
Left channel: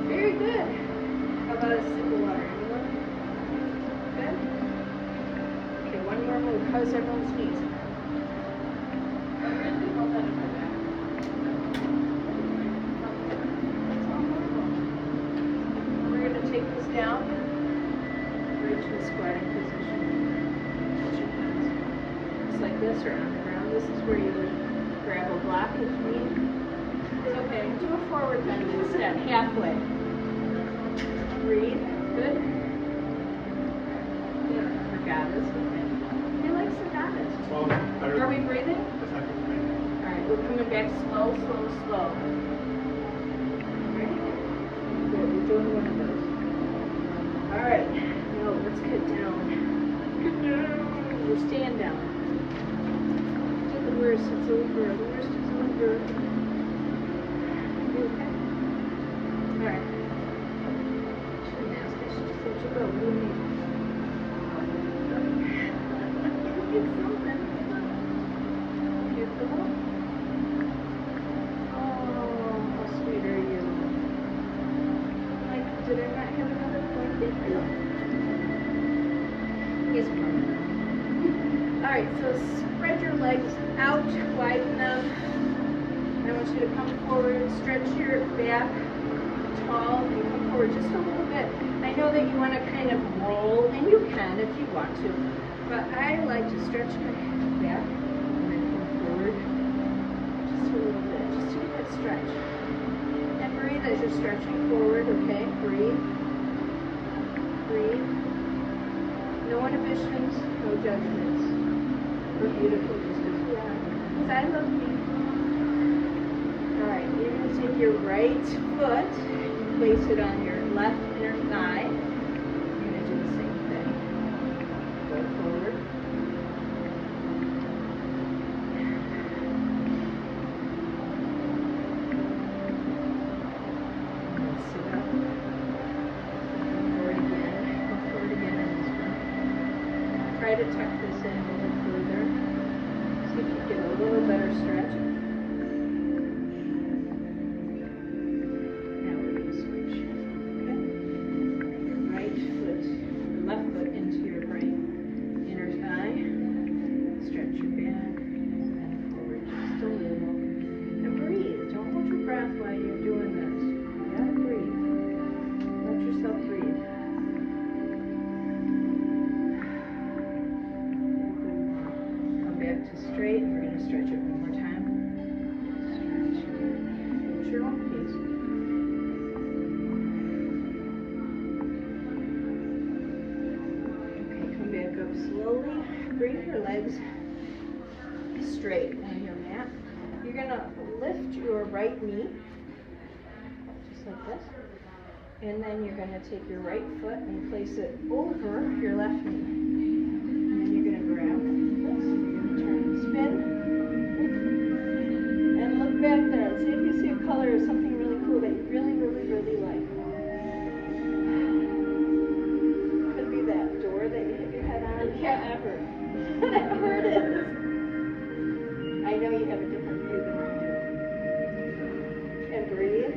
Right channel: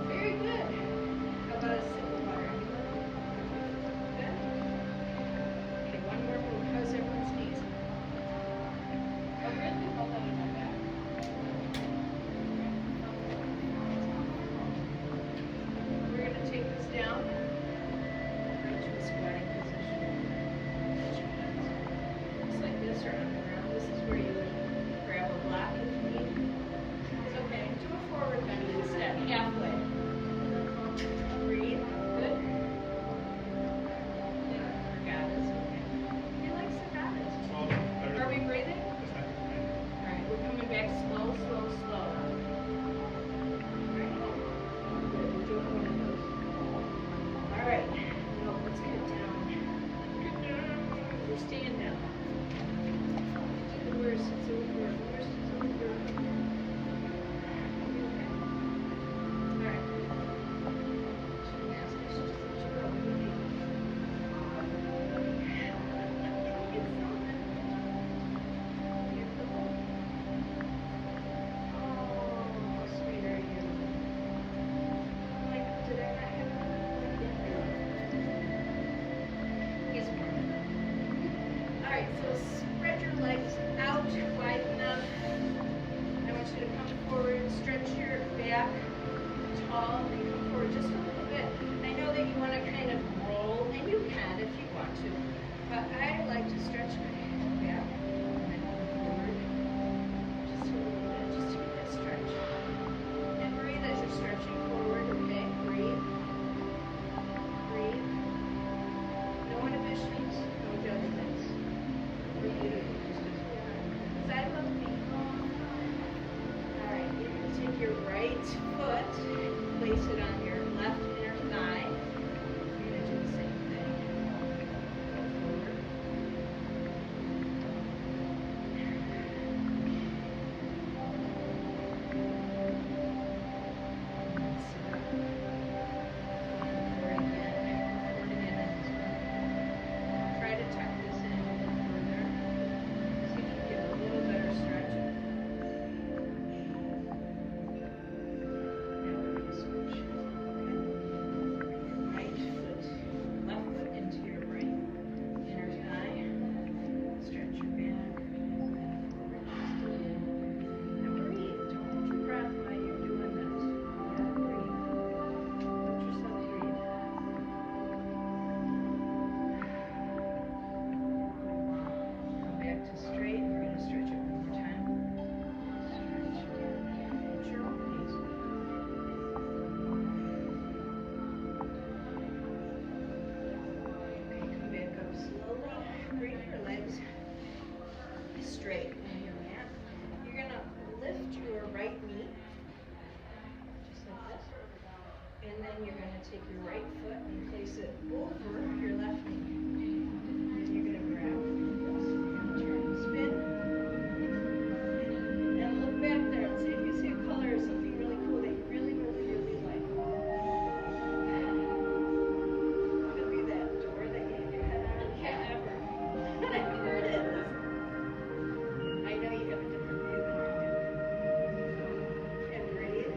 Very good. How about a sip of water? Good? Okay, one more move. How's everyone's knees? I'm really hold that in my back. We're going to take this down right to a squatting position. Put your hands just like this or on the ground. This is where you would grab a block if you need. It's okay. Do a forward bend instead, halfway. Breathe. Good. Good. Regattas. Okay. He likes regattas. Are we breathing? Alright, we're coming back slow, slow, slow. Alright? Good. We're doing one of those. Alright. Now let's get down. Let's get down. We're staying down. Do the worst. It's over. The worst is over. You okay? Alright. Shouldn't ask. I should just let you go. What do you need? It's something. Your pillow? Oh, how sweet are you? Like, did I not have another blanket? He's warm. Alright, so spread your legs out, widen them. And I want you to come forward, stretch your back tall, and come forward just a little bit. I know that you want to kind of roll, and you can if you want to, but I like to stretch my back and then come forward just a little bit, just to get that stretch. And breathe as you're stretching forward, okay? Breathe. Breathe. No inhibitions, no judgments. We're beautiful just as we are. Because I love me. Alright, you're going to take your right foot and place it on your left inner thigh. You're going to do the same thing. Go forward. And sit up. Go forward again. Go forward again on this one. Try to tuck this in a little further. See if you get a little better stretch. Now we're going to switch. Okay? Your right foot, left foot into your right inner thigh. Stretch your back and then forward just a little. And breathe. Don't hold your breath while you're doing this. You gotta breathe. Let yourself breathe. Come back to straight. We're going to stretch it one more time. Stretch again. At your own pace. Okay, come back up slowly. Bring your legs straight on your mat. You're going to lift your right knee, just like this. And then you're going to take your right foot and place it over your left knee. And you're going to grab it. Turn, spin, and look back there and see if you see a color or something really cool that you really, really, really like. Could be that door that you hit your head on. Whatever. Whatever it is. I know you have a different view than I do. And breathe.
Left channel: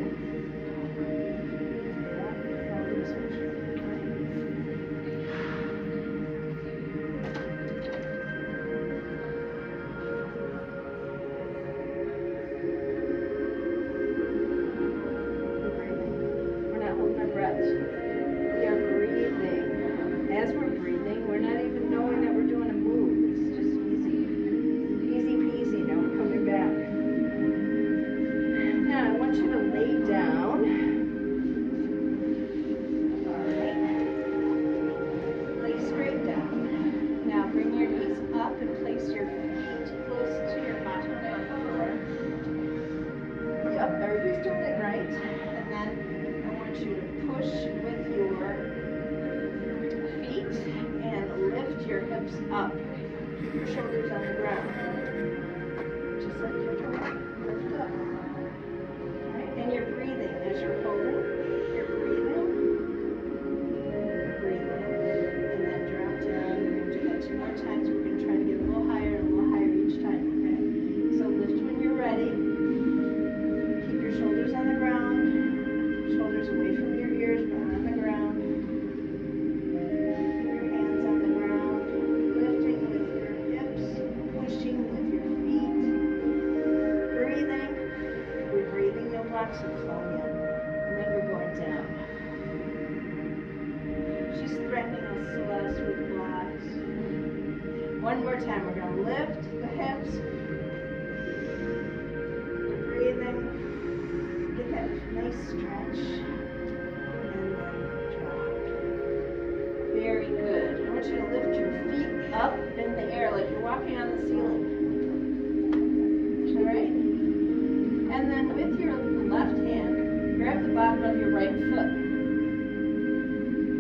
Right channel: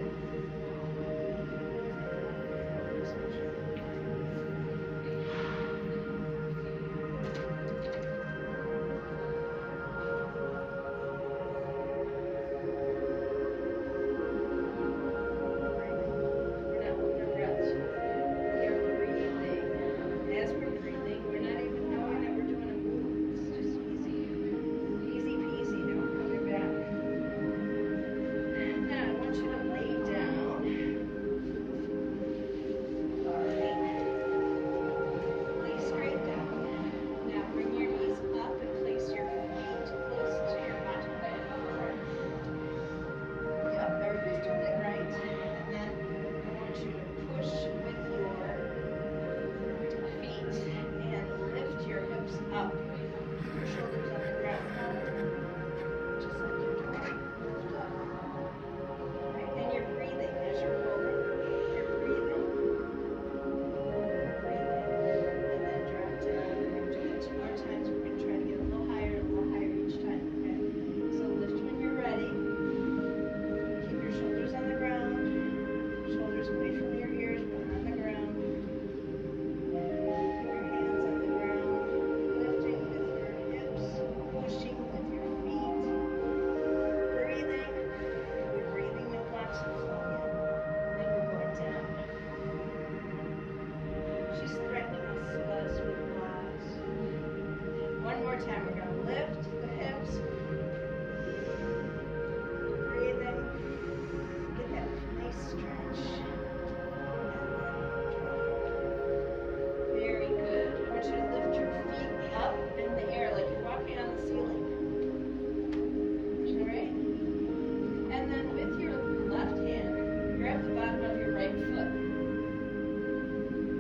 of your right foot.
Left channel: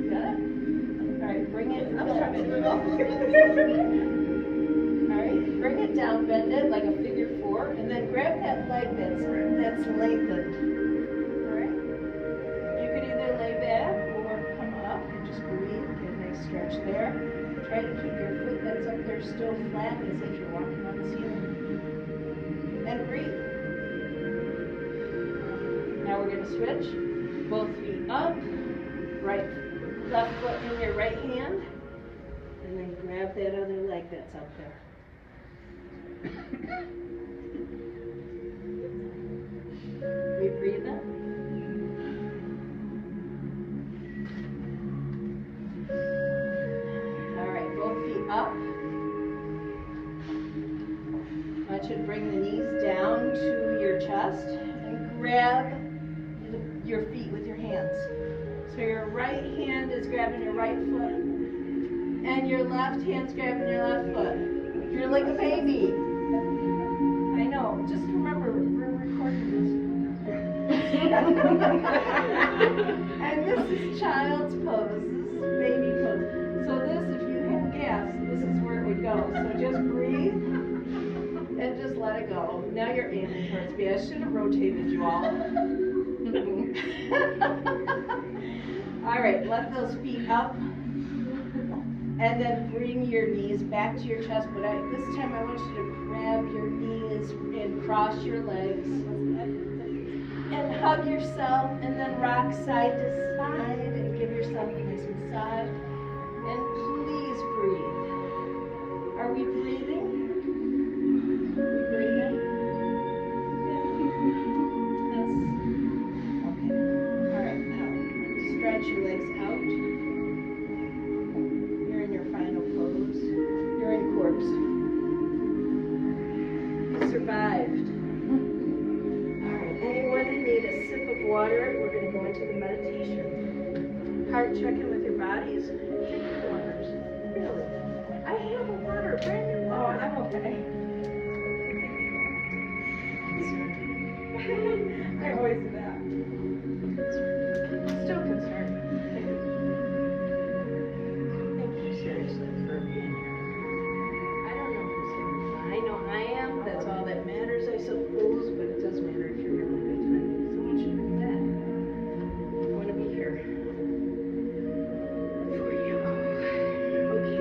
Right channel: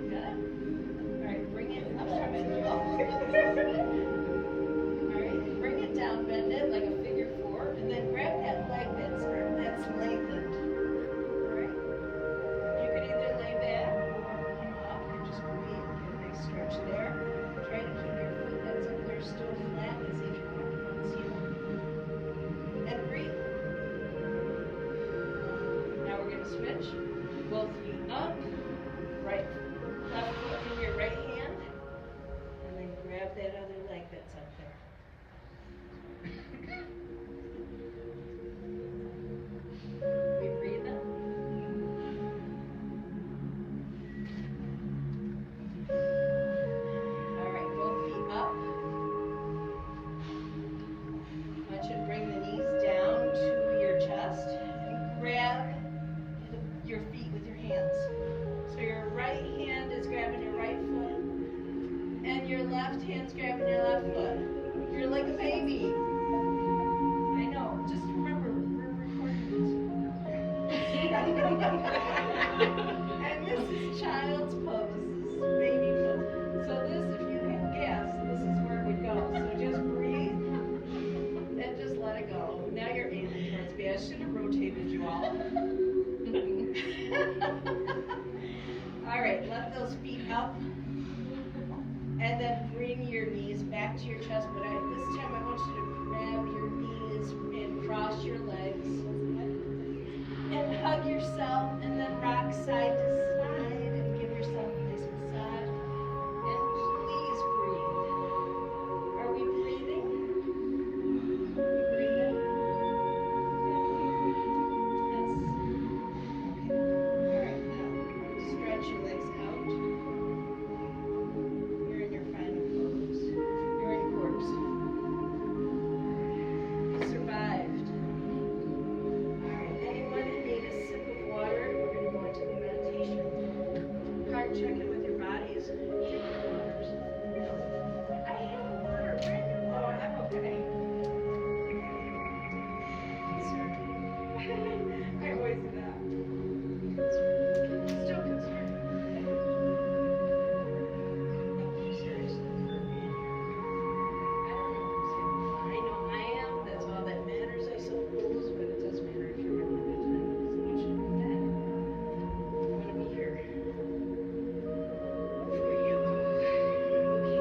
Got it? Alright, bring it up. Alright, bring it down, bend it like a figure four, and then grab that leg that's lengthened. Alright? You can either lay back or come up and just breathe. Get a nice stretch there. Try to keep your foot that's up there still flat as if you're walking on the ceiling. And breathe. Now we're going to switch. Both feet up. Left foot in your right hand. And then grab that other leg that's up there. We breathe in. All right, both feet up. I want you to bring the knees down to your chest and grab your feet with your hands. So your right hand is grabbing your right foot, and your left hand's grabbing your left foot. You're like a baby. I know. Just remember, we're recording this. And this is child's pose. This is baby pose. So this, if you have gas, this is where it would go. So just breathe and just let it go. Now you're aiming towards me. I should have rotated you all. All right, let those feet up. And then bring your knees back to your chest, but this time I want you to grab your knees and cross your legs. And hug yourself, and then rock side to side, and give yourself a nice massage. And please breathe. Are we breathing? We breathing? Yes. Okay. All right, now stretch your legs out. Survived. All right, anyone need a sip of water? We're going to go into the meditation. Heart checking with your bodies. Drink your waters. I have a water. Bring your water. Oh, I'm okay. I always do that. Still concerned. Thank you seriously for being here. I don't know who's here. I know I am. That's all that matters, I suppose, but it does matter if you're having a good time. So you should know that. I want to be here for you. Okay.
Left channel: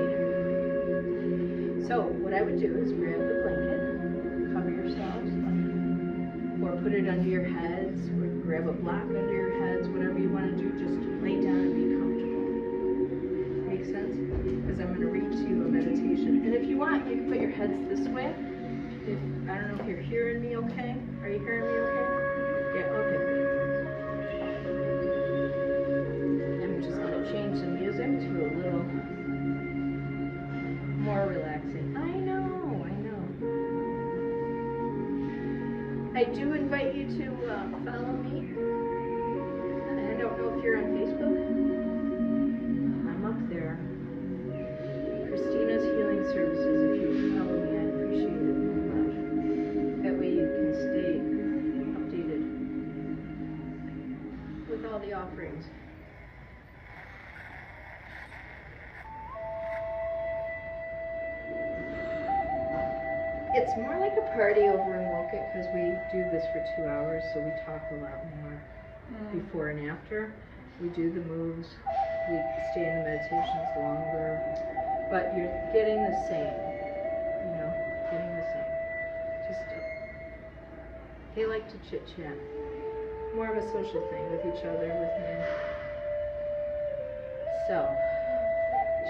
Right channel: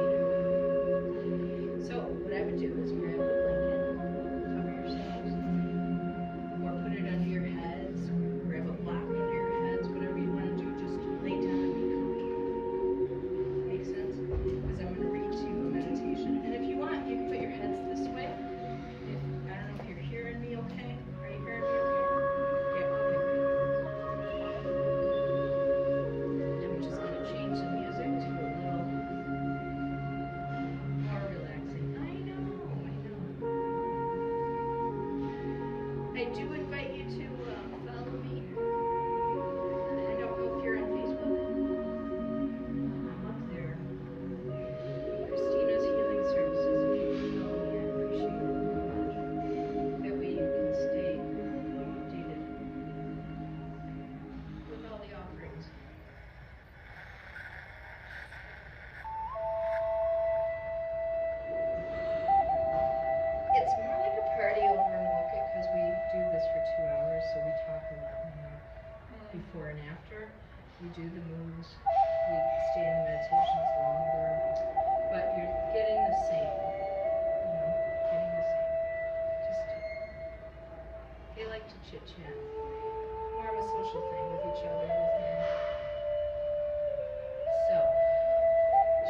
So what I would do is grab the blanket, cover yourselves, or put it under your heads, or grab a block under your heads, whatever you want to do, just lay down and be comfortable. Make sense? Because I'm going to read to you a meditation. And if you want, you can put your heads this way. I don't know if you're hearing me okay. Are you hearing me okay? Yeah, okay. I'm just going to change the music to a little more relaxing. I know. I do invite you to follow me. I don't know if you're on Facebook. I'm up there. Christina's Healing Services. If you follow me, I appreciate it very much. That way you can stay updated with all the offerings. It's more like a party over in Woket because we do this for 2 hours, so we talk a lot more before and after. We do the moves, we stay in the meditations longer, but you're getting the same, getting the same. Just, they like to chit-chat. More of a social thing with each other, with me. So,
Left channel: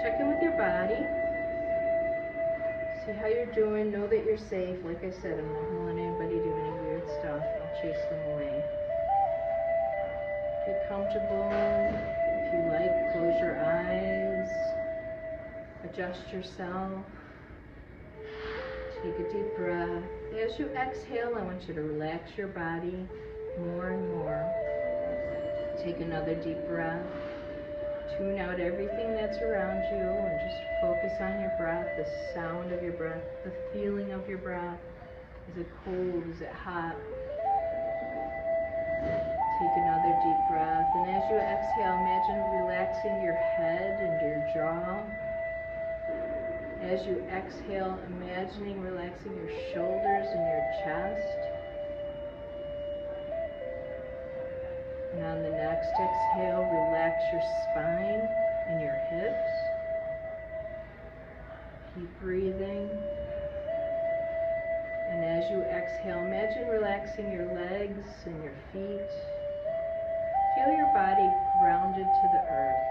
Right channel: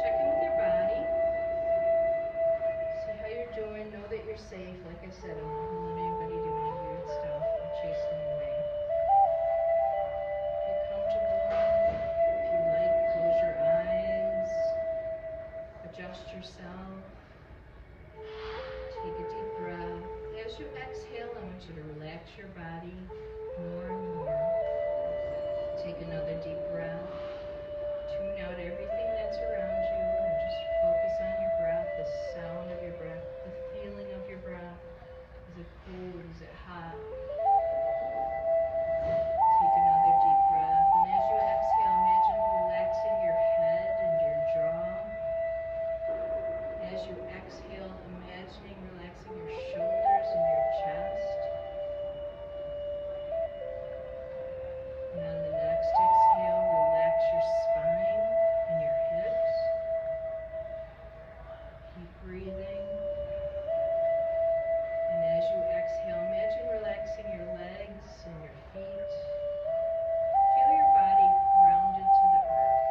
check in with your body. See how you're doing. Know that you're safe. Like I said, I'm not going to let anybody do any weird stuff. I'll chase them away. Get comfortable. If you like, close your eyes. Adjust yourself. Take a deep breath. As you exhale, I want you to relax your body more and more. Take another deep breath. Tune out everything that's around you and just focus on your breath, the sound of your breath, the feeling of your breath. Is it cold? Is it hot? Take another deep breath. And on the next exhale, relax your spine and your hips. Keep breathing. And as you exhale, imagine relaxing your legs and your feet. Feel your body grounded to the earth.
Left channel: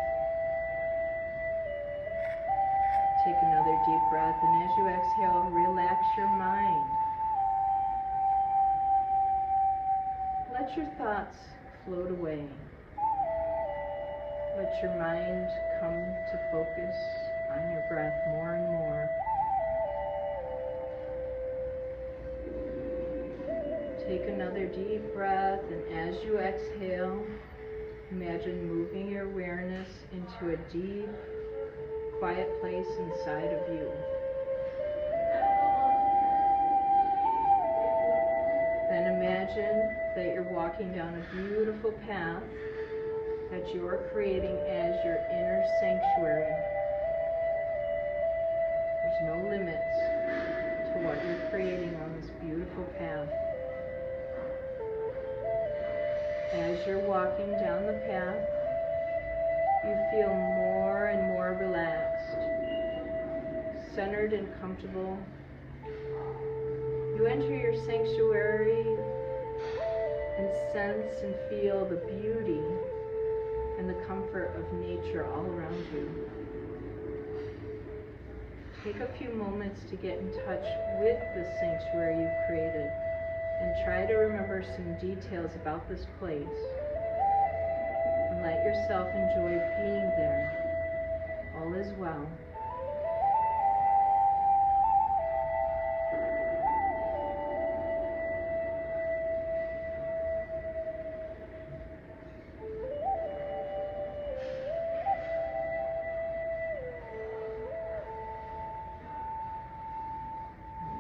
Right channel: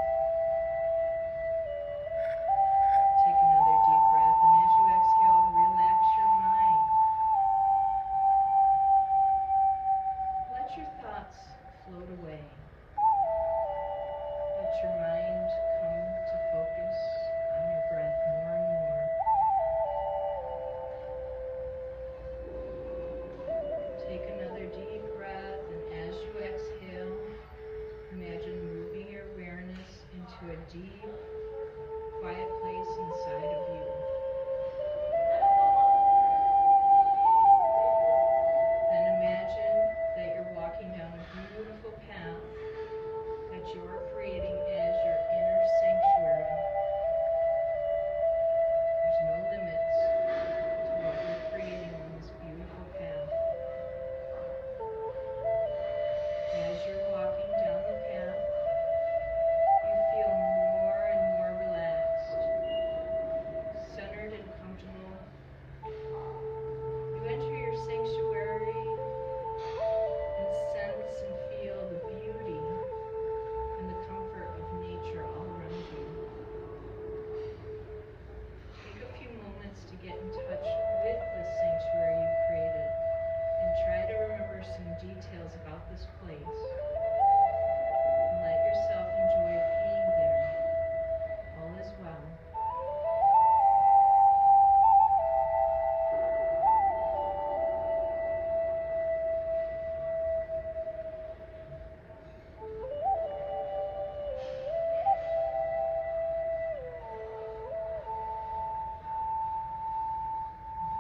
Take another deep breath, and as you exhale, relax your mind. Let your thoughts float away. Let your mind come to focus on your breath more and more. Take another deep breath, and as you exhale, imagine moving your awareness into a deep, quiet place inside of you. Then imagine that you're walking down a beautiful path that you are creating as your inner sanctuary. There's no limits to what you're creating on this beautiful path. As you're walking down the path, you feel more and more relaxed, centered and comfortable. You enter your sanctuary and sense and feel the beauty and the comfort of nature all around you. Take a few moments to get in touch with the sanctuary you've created and try to remember some details about this place. And let yourself enjoy being there. All is well.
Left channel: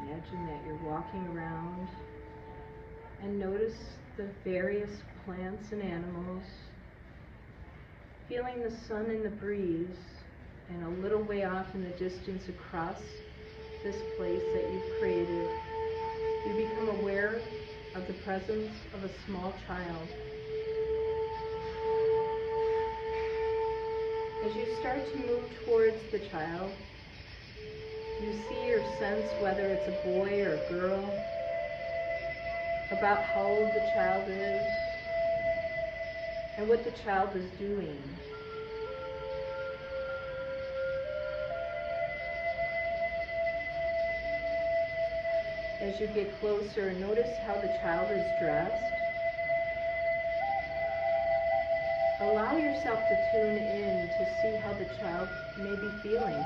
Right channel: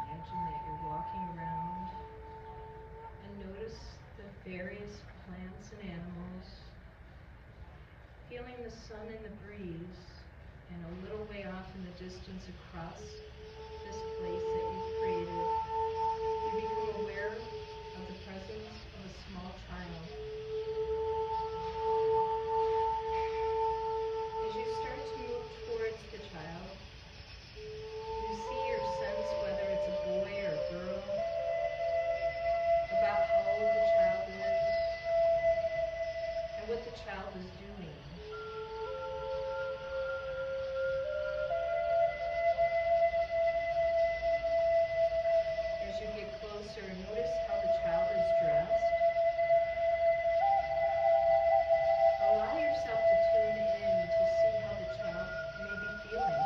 Imagine that you're walking around and notice the various plants and animals, feeling the sun and the breeze, and a little way off in the distance across this place that you've created, you become aware of the presence of a small child. As you start to move towards the child, you see or sense whether it's a boy or a girl, about how old the child is, and what the child is doing. As you get closer, notice how the child is dressed. Allow yourself to tune in to see how the child may be feeling.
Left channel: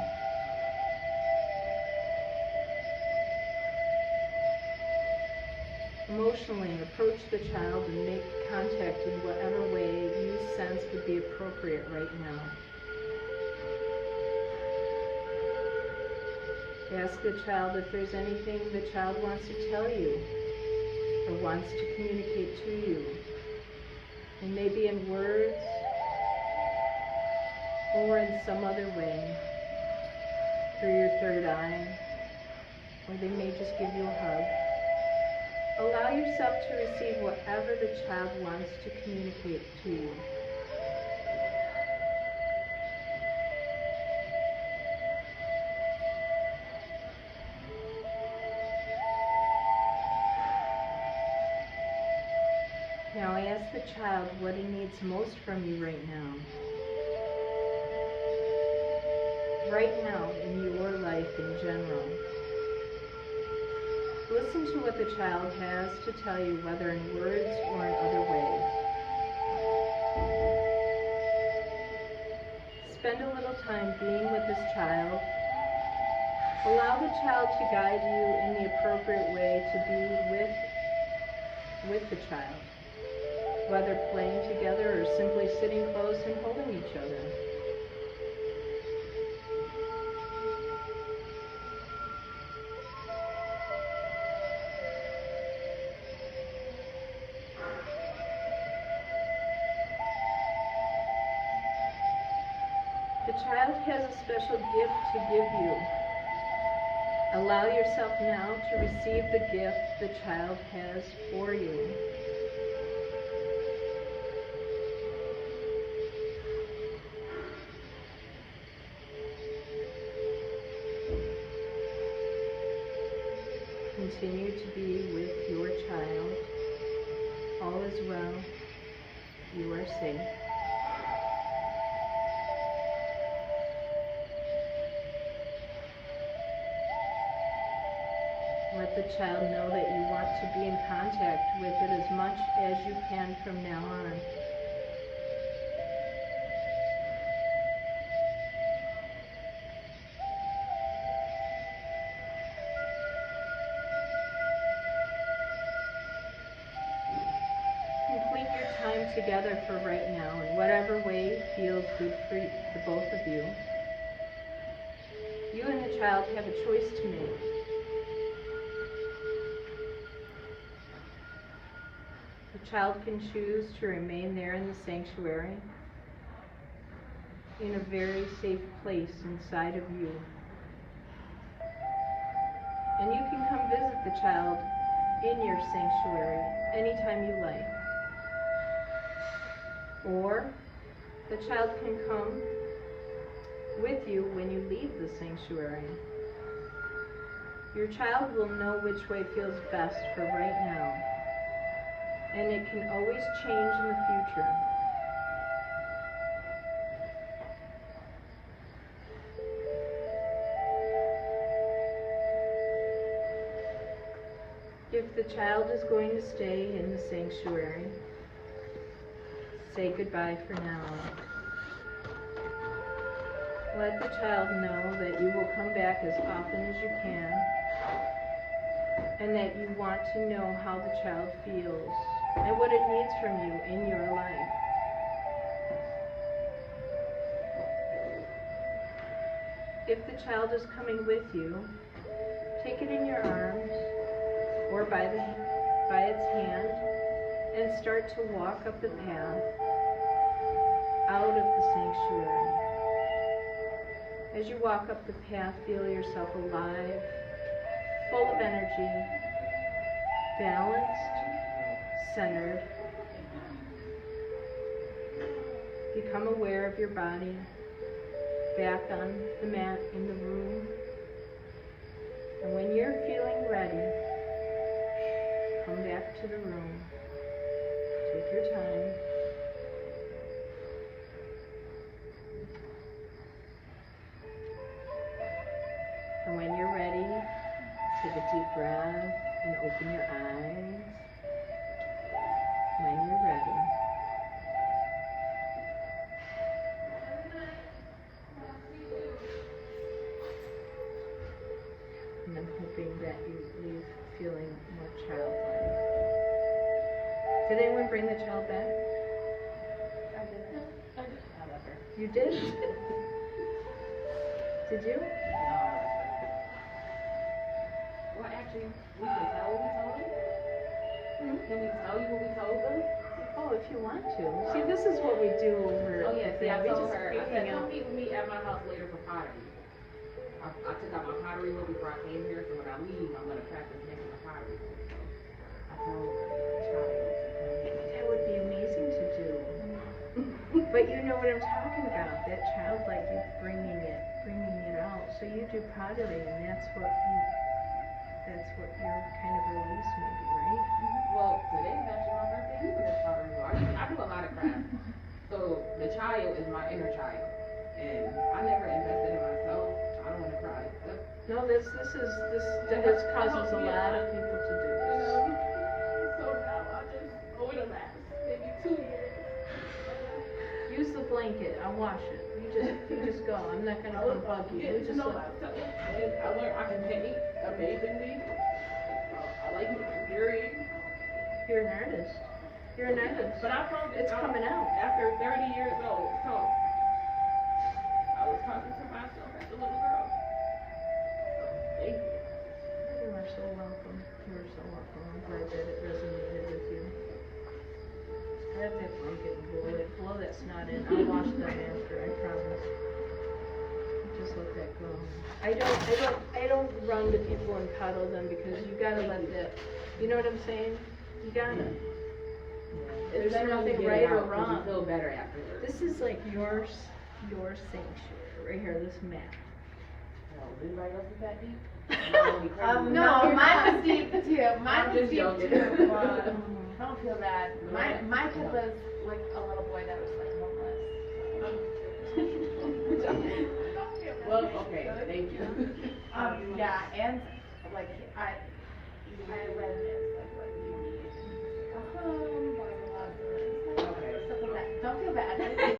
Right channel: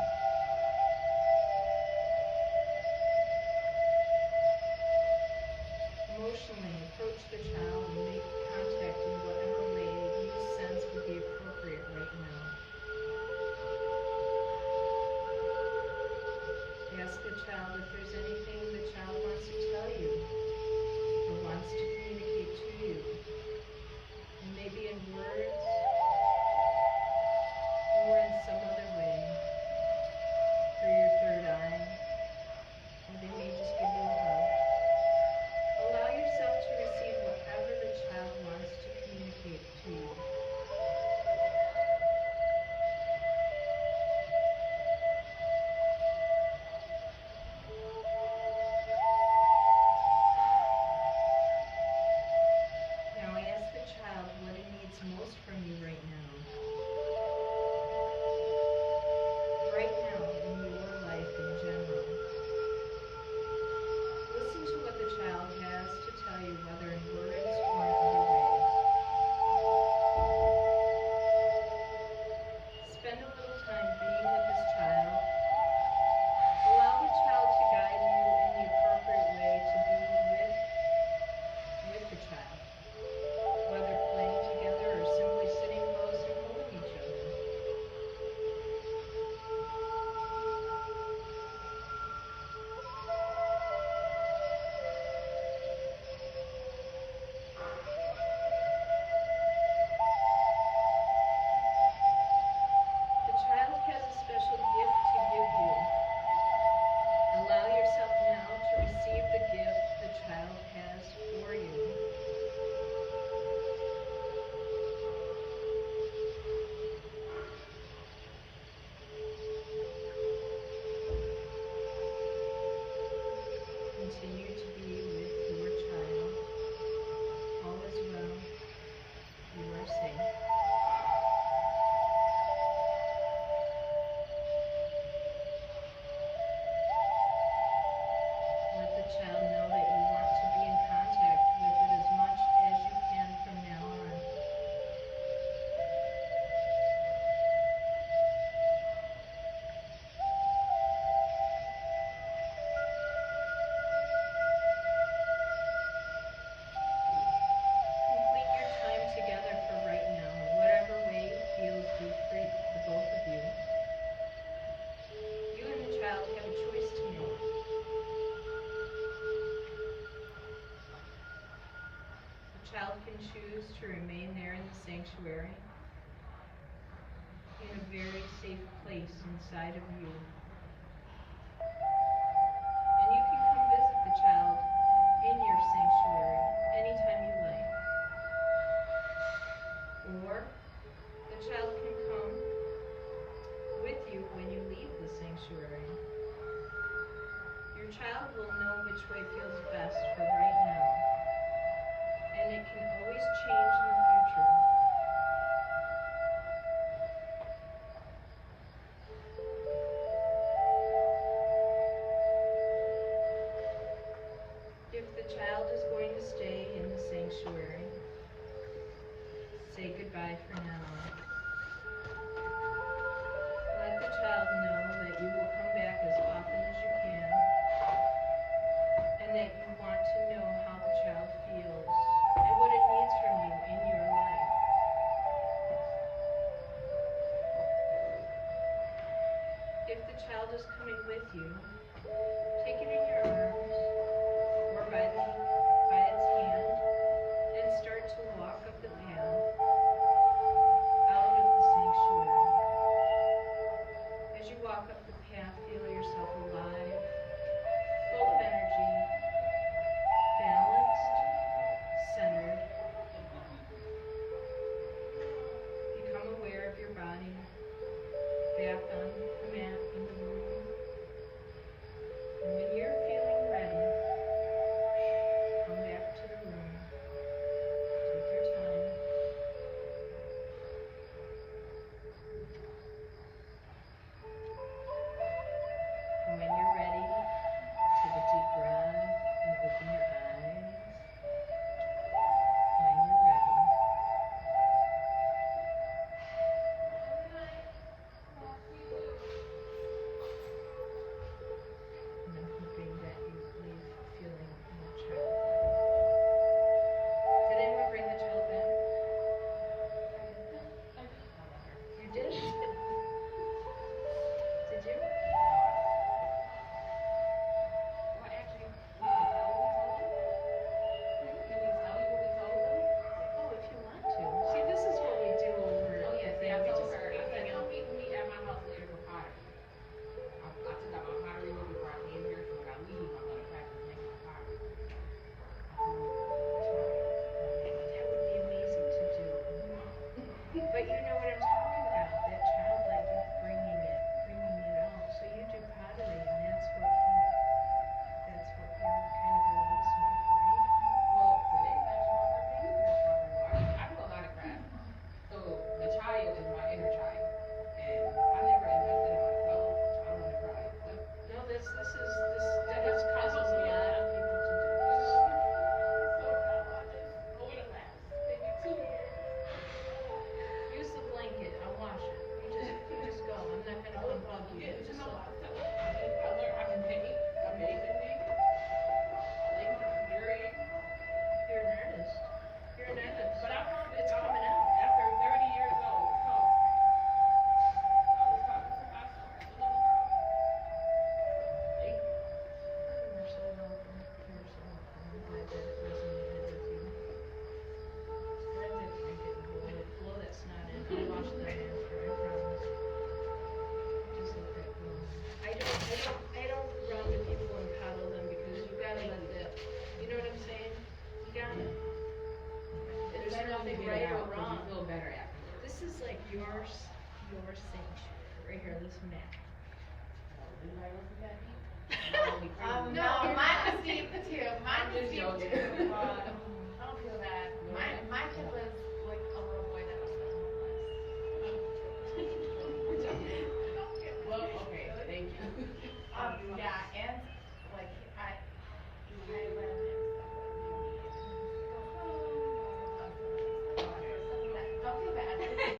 Emotionally, approach the child and make contact in whatever way you sense would be appropriate right now. Ask the child if there's anything the child wants to tell you or wants to communicate to you. It may be in words or in some other way, through your third eye, or they may just give you a hug. Allow yourself to receive whatever the child wants to communicate to you. Now ask the child what it needs most from you right now. Right now in your life in general. Listen to what the child has to tell you, whether in words or in other ways. Spend a little time being with this child. Allow the child to guide you in the appropriate way to be with the child, whether playing together or simply sitting close and holding each other. The child has a special gift to give you. Allow yourself now to receive the gift the child has for you. together for right now in whatever way feels good for the both of you. You and the child have a choice to make. The child can choose to remain there in the sanctuary, in a very safe place inside of you. And you can come visit the child in your sanctuary anytime you like. Or the child can come with you when you leave the sanctuary. Your child will know which way feels best for right now, and it can always change in the future. If the child is going to stay in the sanctuary, say goodbye for now. Let the child know that you will come back as often as you can, and that you want to know how the child feels and what it needs from you in your life. If the child is coming with you, take it in your arms or by its hand and start to walk up the path out of the sanctuary. As you walk up the path, feel yourself alive, full of energy, balanced, centered. Become aware of your body, back on the mat in the room. And when you're feeling ready, come back to the room. Take your time. And when you're ready, take a deep breath and open your eyes. When you're ready. And I'm hoping that you leave feeling more childlike. Did anyone bring the child back? You did? Did you? Well, actually, we can tell what we told them. Can we tell you what we told them? Oh, if you want to. See, this is what we do over Oh, yeah, at the see, I thing. We told just her, I hang said, out. come meet me at my house later for pottery. I took out my pottery wheel before I came here, so when I leave, I'm going to practice making my pottery. I told the child. That would be amazing to do. But you know what I'm talking about, that child, like you bringing it out. So you do pottery, and that's what your kind of release maybe, right? Well, today is actually my first day using this pottery wheel. I do a lot of crafts. So the child is my inner child. And I never invested in myself. I don't want to cry. No, this causes a lot of people to do this. So now I just owe it a last maybe 2 years. Use the blanket. I'll wash it. You just go. I'm not gonna come bug you. You just look. I learned I can paint amazingly. I like embroidery. You're an artist. You're an artist. But I found It's coming out. after 30 years old. So I was talking to myself as a little girl. So thank you. You are so welcome. You are so welcome. I'm glad that it resonated with you. Grab that blanket and blow that snot in. I'll wash them after, I promise. Just let that go. I don't run to people and cuddle them because you gotta let that, you know what I'm saying? You gotta. There's nothing right or wrong. You feel better afterwards. This is like your sanctuary right here, this mat. Anybody else with that deep? No, mine was deep too. Mine I'm was just deep joking. too. I don't feel bad. My kid was like a little boy that was like homeless. Well, okay, thank you. Yeah, and like I read